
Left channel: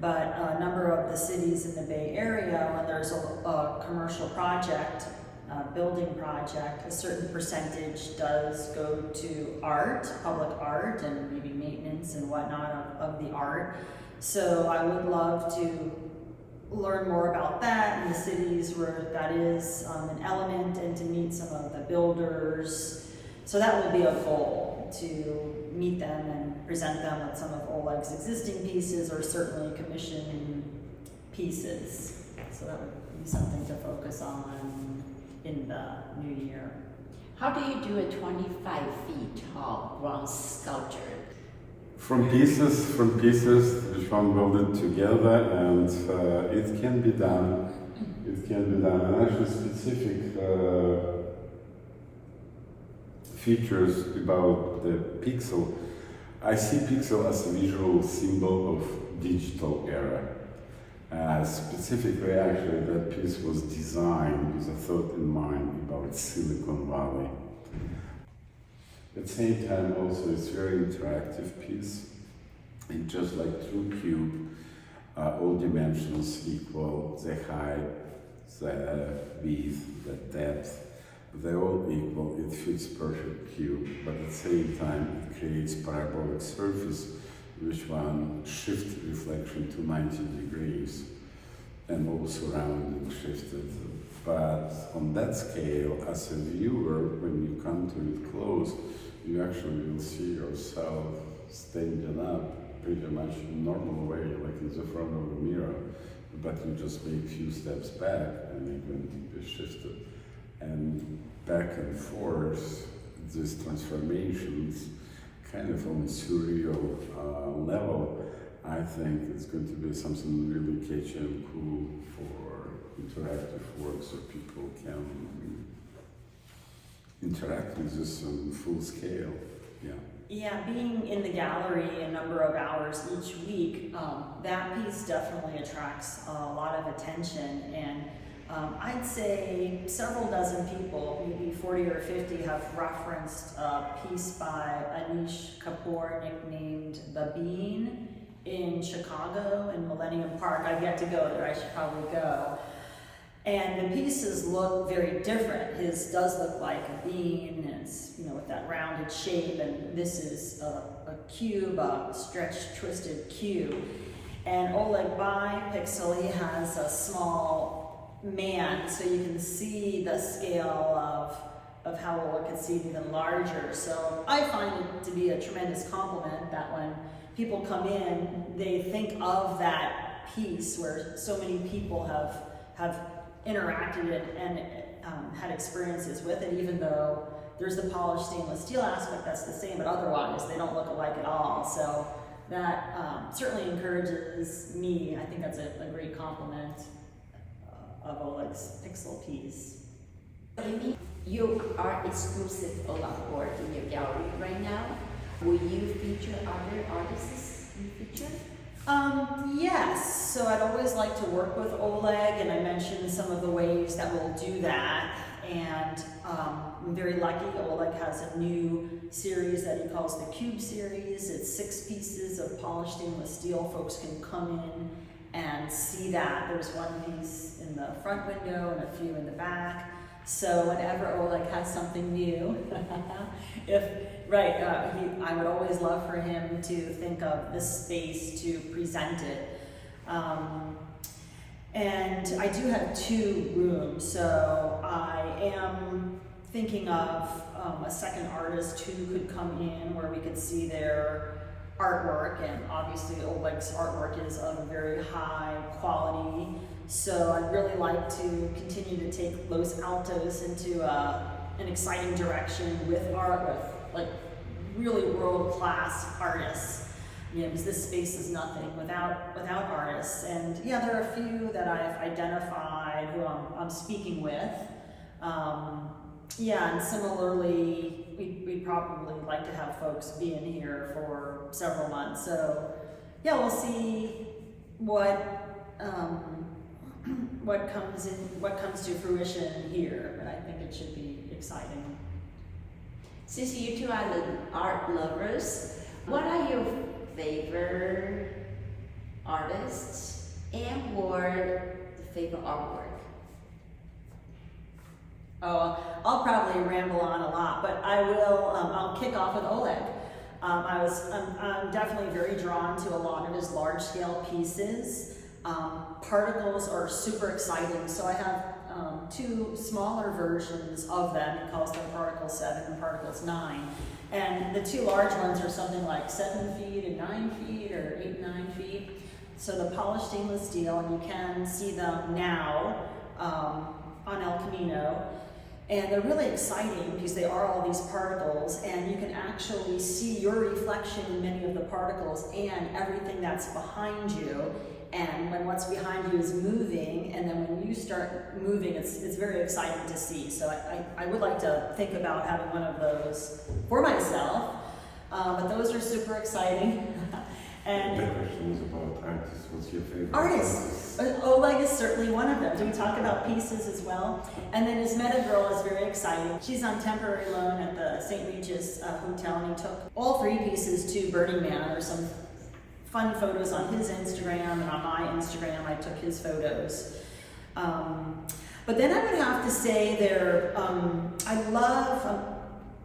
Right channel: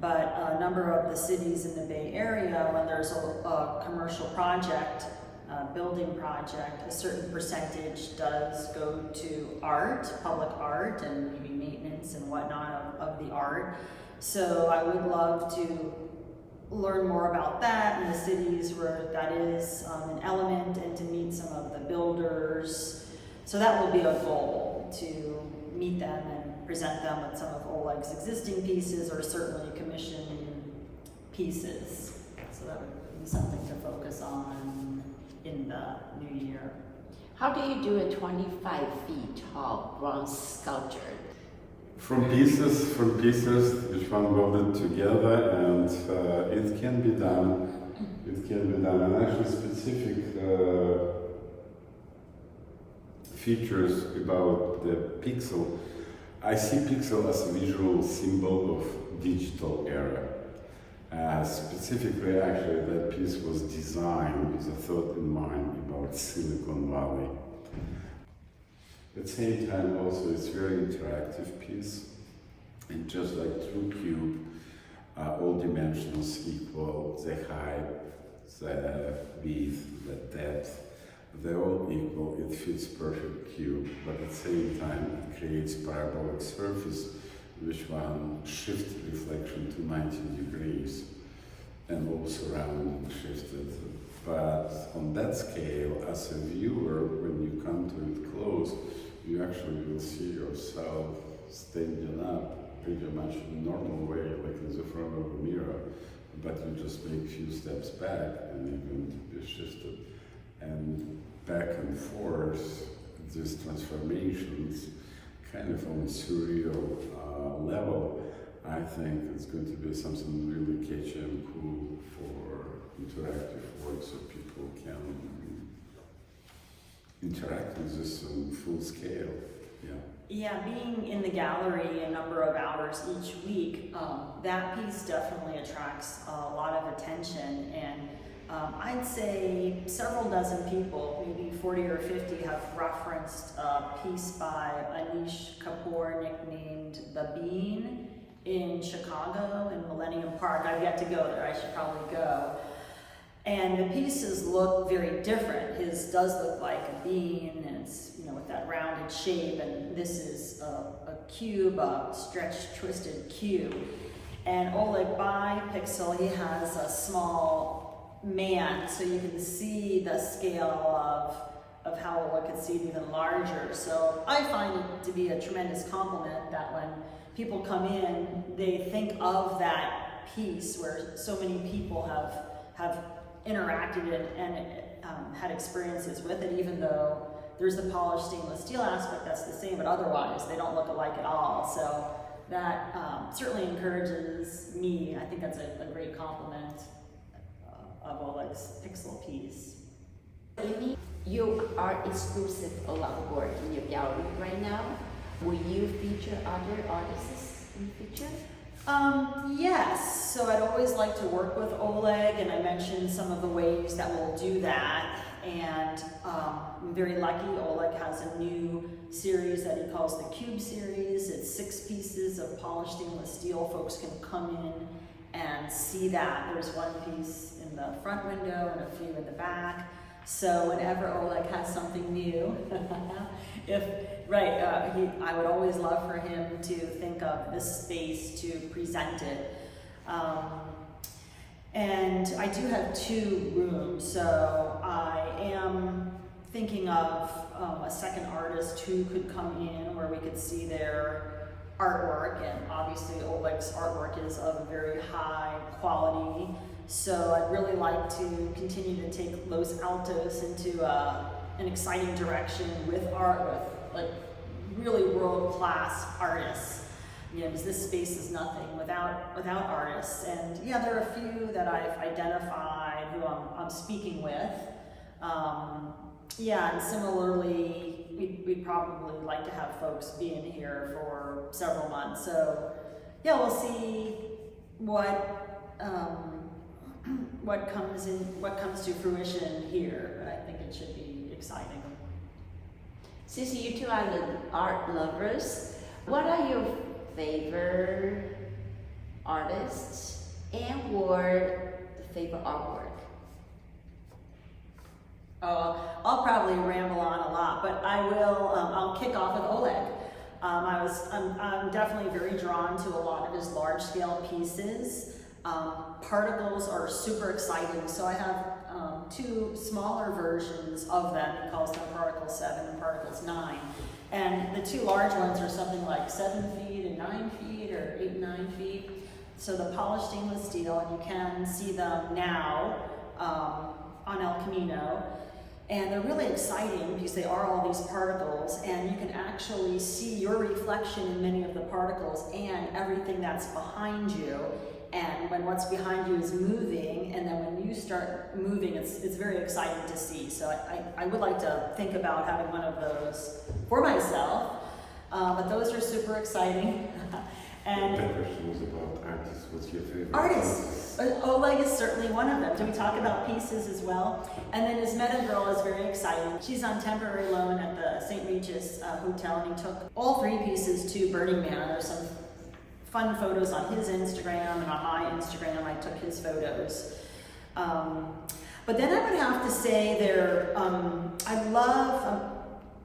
but a number of the cities in the Bay Area, when there's a commercial project, building project, a certain percentage does go to art, public art, and maybe maintenance and whatnot of the art. So I would love to learn more about that in the cities where that is an element, and to meet some of the builders. So that will be a goal, to meet them and present them with some of Oleg's existing pieces, or certainly commission pieces. So that would be something to focus on in the new year. How do you do a 25 feet tall bronze sculpture? From pieces which one welded together, and it can be done. And actually specific features about the pixel. I see pixel as a visual symbol of digital era. Specifically, actually, that piece was designed with a thought in mind about Silicon Valley. At the same time, also, it's a very interactive piece. It's just like true cube, all dimensions equal, the height, the width, the depth, they're all equal. It fits perfect cube, but at the same time, it creates parabolic surface which one shift reflection to 90 degrees and all surrounding shifted. But on that scale, as a viewer, when you come to it close, you actually will see yourself standing up pretty much in a normal way, like in the front of a mirror, but you just make a few steps back and you're going to be shifted. And back and forth, these transformations, kind of on a surreal level, I think it's going to be something really catchy and cool for interactive work, so people can interact with this on full scale. Yeah, being in the gallery a number of hours each week, that piece definitely attracts a lot of attention, and I'd say several dozen people, maybe 40 or 50, have referenced a piece by Anish Kapoor nicknamed The Bean in Chicago, in Millennium Park. I've yet to go there, I should probably go. And the pieces look very different. His does look like a bean, and it's, with that rounded shape, and this is a cube, a stretched, twisted cube. And Oleg by Pixel, he has a small man, so you can see the scale of how Oleg could see it even larger. So I find it to be a tremendous compliment that when people come in, they think of that piece where so many people have interacted and had experiences with it, even though there's the polished stainless steel aspect that's the same, but otherwise they don't look alike at all. So that certainly encourages me. I think that's a great compliment of Oleg's pixel piece. Amy, you are exclusive Oleg work in your gallery right now. Will you feature other artists in the future? Yes, so I'd always like to work with Oleg, and I mentioned some of the ways that we'll do that. And I'm very lucky, Oleg has a new series that he calls the Cube series. It's 6 pieces of polished stainless steel. Folks can come in and see that. There's one piece in the front window and a few in the back. So whenever Oleg has something new, I would always love for him to think of this space to present it. And I do have 2 rooms, so I am thinking of a second artist who could come in where we could see their artwork, and obviously Oleg's artwork is of a very high quality. So I'd really like to continue to take Los Altos into an exciting direction with art, with like really world-class artists. You know, because this space is nothing without artists. And yeah, there are a few that I've identified who I'm speaking with. Yeah, and similarly, we'd probably like to have folks be in here for several months. So yeah, we'll see what comes to fruition here, but I think it should be exciting. Since you two are the art lovers, what are your favorite artists and or the favorite artwork? Oh, I'll probably ramble on a lot, but I will. I'll kick off with Oleg. I'm definitely very drawn to a lot of his large-scale pieces. Particles are super exciting, so I have 2 smaller versions of them. He calls them Particles 7 and Particles 9. And the 2 large ones are something like 7 feet and 9 feet, or 8 and 9 feet. So the polished stainless steel, and you can see them now on El Camino. And they're really exciting because they are all these particles, and you can actually see your reflection in many of the particles and everything that's behind you. And when what's behind you is moving, and then when you start moving, it's very exciting to see. So I would like to think about having one of those for myself, but those are super exciting. And the question is about artists. What's your favorite artists? Oleg is certainly one of them. Do we talk about pieces as well? And then his Meta Girl is very exciting. She's on temporary loan at the St. Regis Hotel, and he took all 3 pieces to Burning Man. There's some fun photos on his Instagram, and on my Instagram I took his photos. But then I would have to say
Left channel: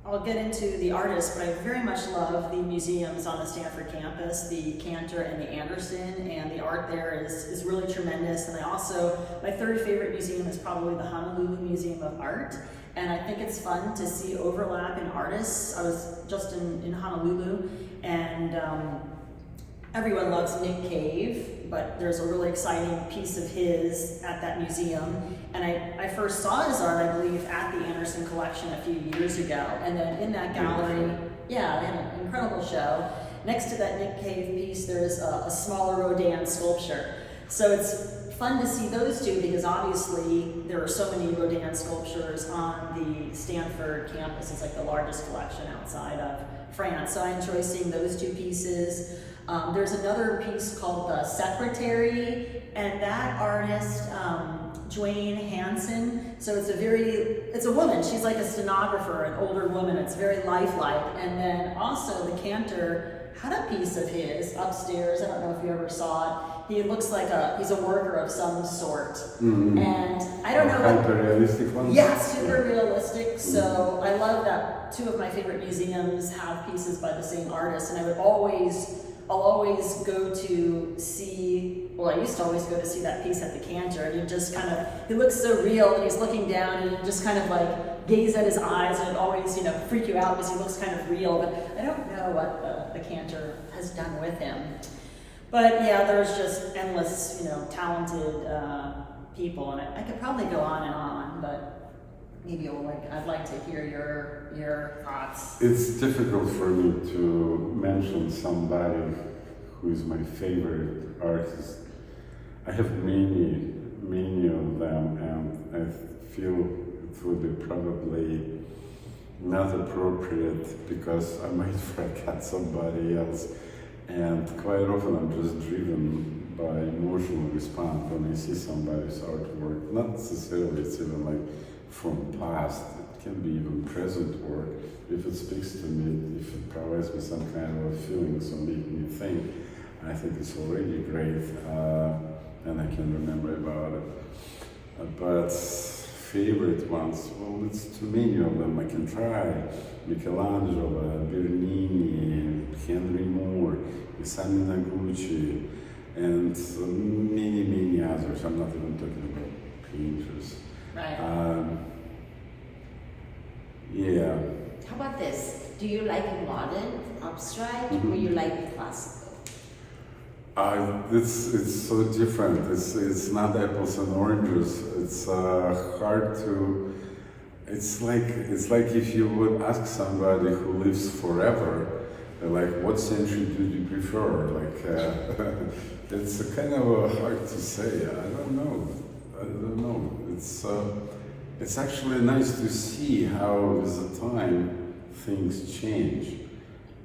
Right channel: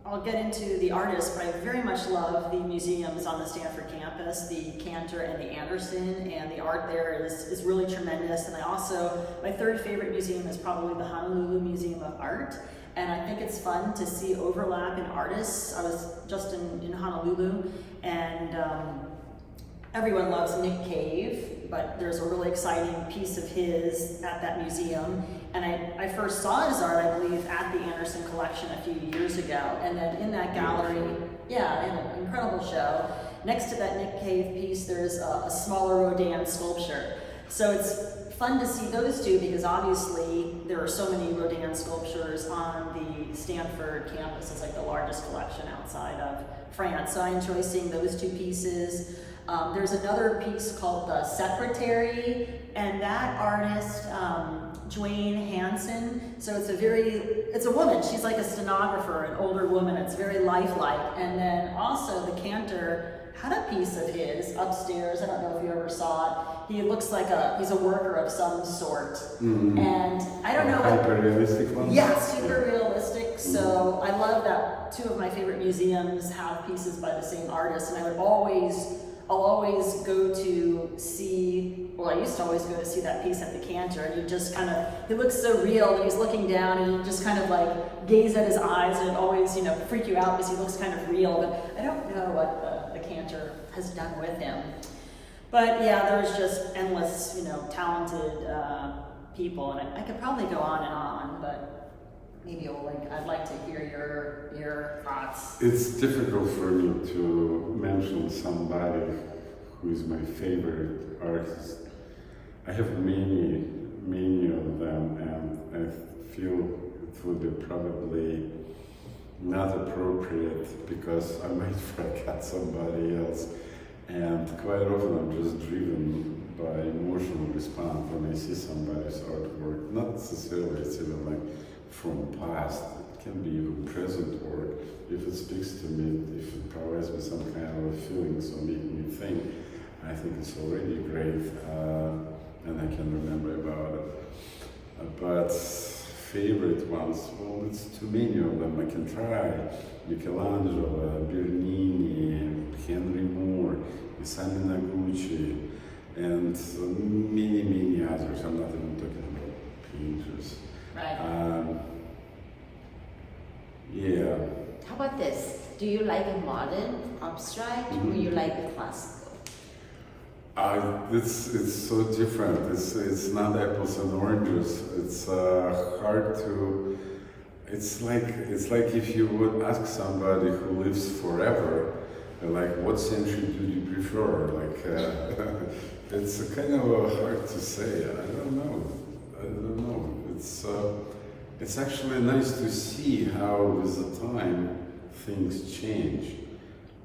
I'll get into the artists, but I very much love the museums on the Stanford campus, the Cantor and the Anderson, and the art there is really tremendous. And my 3rd favorite museum is probably the Honolulu Museum of Art. And I think it's fun to see overlap in artists. I was just in Honolulu, and everyone loves Nick Cave, but there's a really exciting piece of his at that museum. And I first saw his art, I believe, at the Anderson collection a few years ago. And then in that gallery, yeah, they had an incredible show. Next to that Nick Cave piece, there's a smaller Rodin sculpture. So it's fun to see those 2 because obviously there are so many Rodin sculptures on the Stanford campus. It's like the largest collection outside of France. So I enjoy seeing those 2 pieces. There's another piece called The Secretary, and that artist, Dwayne Hansen, so it's a woman. She's like a stenographer, an older woman. It's very lifelike. And then also the Cantor had a piece of his upstairs. I don't know if you ever saw it. He looks like he's a worker of some sort. Mm-hmm. And I don't know what... Super realistic one? Yeah, super realistic. So I love that 2 of my favorite museums have pieces by the same artist, and I'll always go to see, well, I used to always go to see that piece at the Cantor, and he looks so real, and he's looking down, and you just kind of like gaze at his eyes, and it always, freak you out because he looks kind of real, but I don't know what the Cantor has done with him. But yeah, there's just endless, talented people, and I could probably go on, but maybe I'd like to hear your thoughts. It's difficult for me to mention somebody who is my favorite artist. I have many of them, and I feel it would be probably not appropriate because I might forget somebody else. And quite often I'm just driven by emotional response when I see somebody's artwork. Not necessarily it's even like from past, it can be even present work. If it speaks to me, if it provides me some kind of a feeling, so make me think, I think it's already great, and I can remember about it. But favorite ones, well, it's too many of them. I can try Michelangelo, Bernini, Henry Moore, Isami Noguchi, and many others. I'm not even talking about painters. Right. Yeah. How about this? Do you like a modern abstract or you like the classical? It's so different. It's not apples and oranges. It's hard to. It's like if you would ask somebody who lives forever, like, what century do you prefer? Like, it's kind of hard to say. I don't know. It's actually nice to see how with the time things change,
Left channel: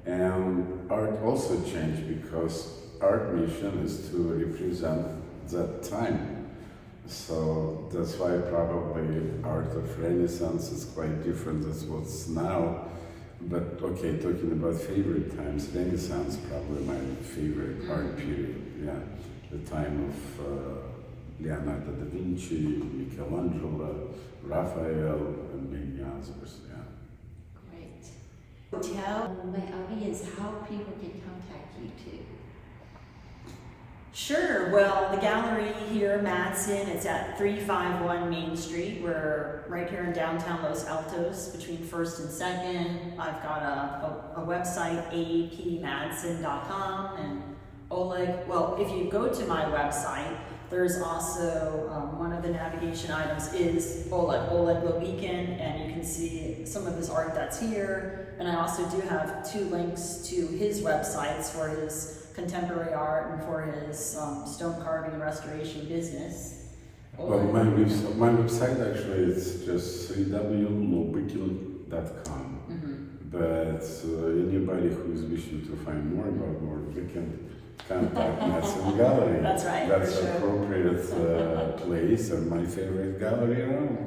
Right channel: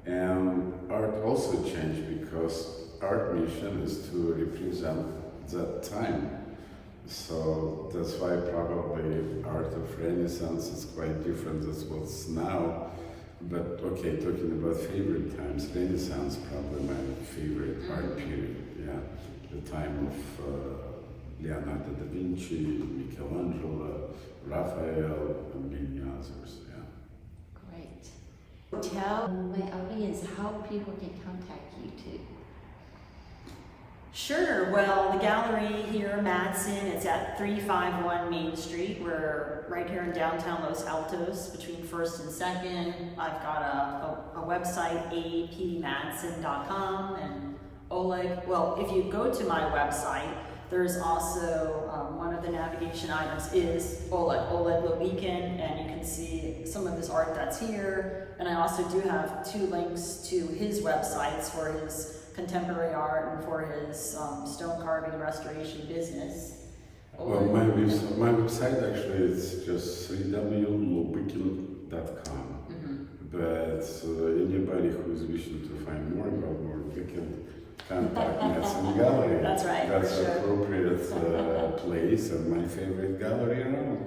and art also changed because art mission is to represent that time. So that's why probably art of Renaissance is quite different than what's now. But okay, talking about favorite times, Renaissance probably my favorite art period. Yeah, the time of Leonardo da Vinci, Michelangelo, Raphael, and many others. Yeah. Great. Tell my audience how people can contact you too. Sure. Well, the gallery here, Madsen, it's at 351 Main Street. We're right here in downtown Los Altos, between 1st and 2nd. I've got a website, apmadsen.com, and Oleg. Well, if you go to my website, there's also one of the navigation items is Oleg Lobykin, and you can see some of his art that's here. And I also do have 2 links to his websites for his contemporary art and for his stone carving restoration business. Well, my website actually is just www.lobykin.com. But anybody who's wishing to find more about work, you can contact Madsen Gallery. That's right. That's for an sure. appropriate place and my favorite gallery around.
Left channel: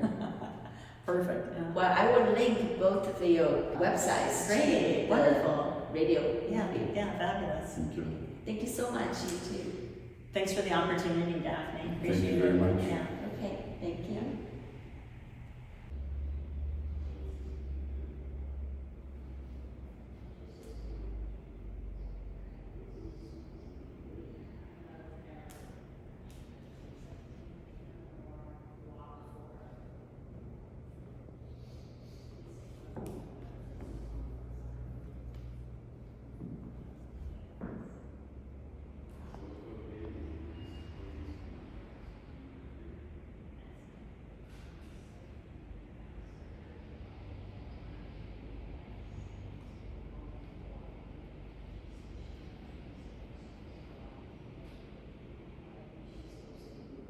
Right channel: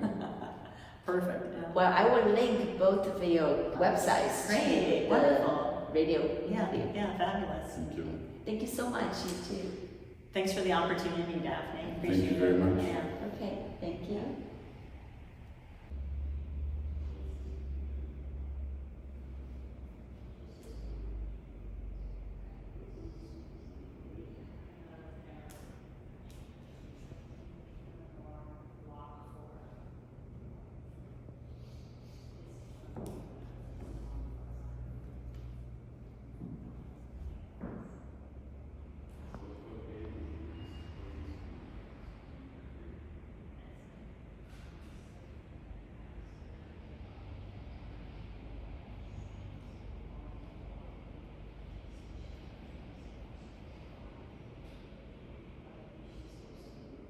Perfect. Yeah. Well, I will link both of your websites. Great. to the Wonderful. Radio. Yeah, fabulous. Thank you. Thank you so much, you too. Thanks for the opportunity, Daphne. Appreciate Thank you very it. much. Yeah. Okay, thank you.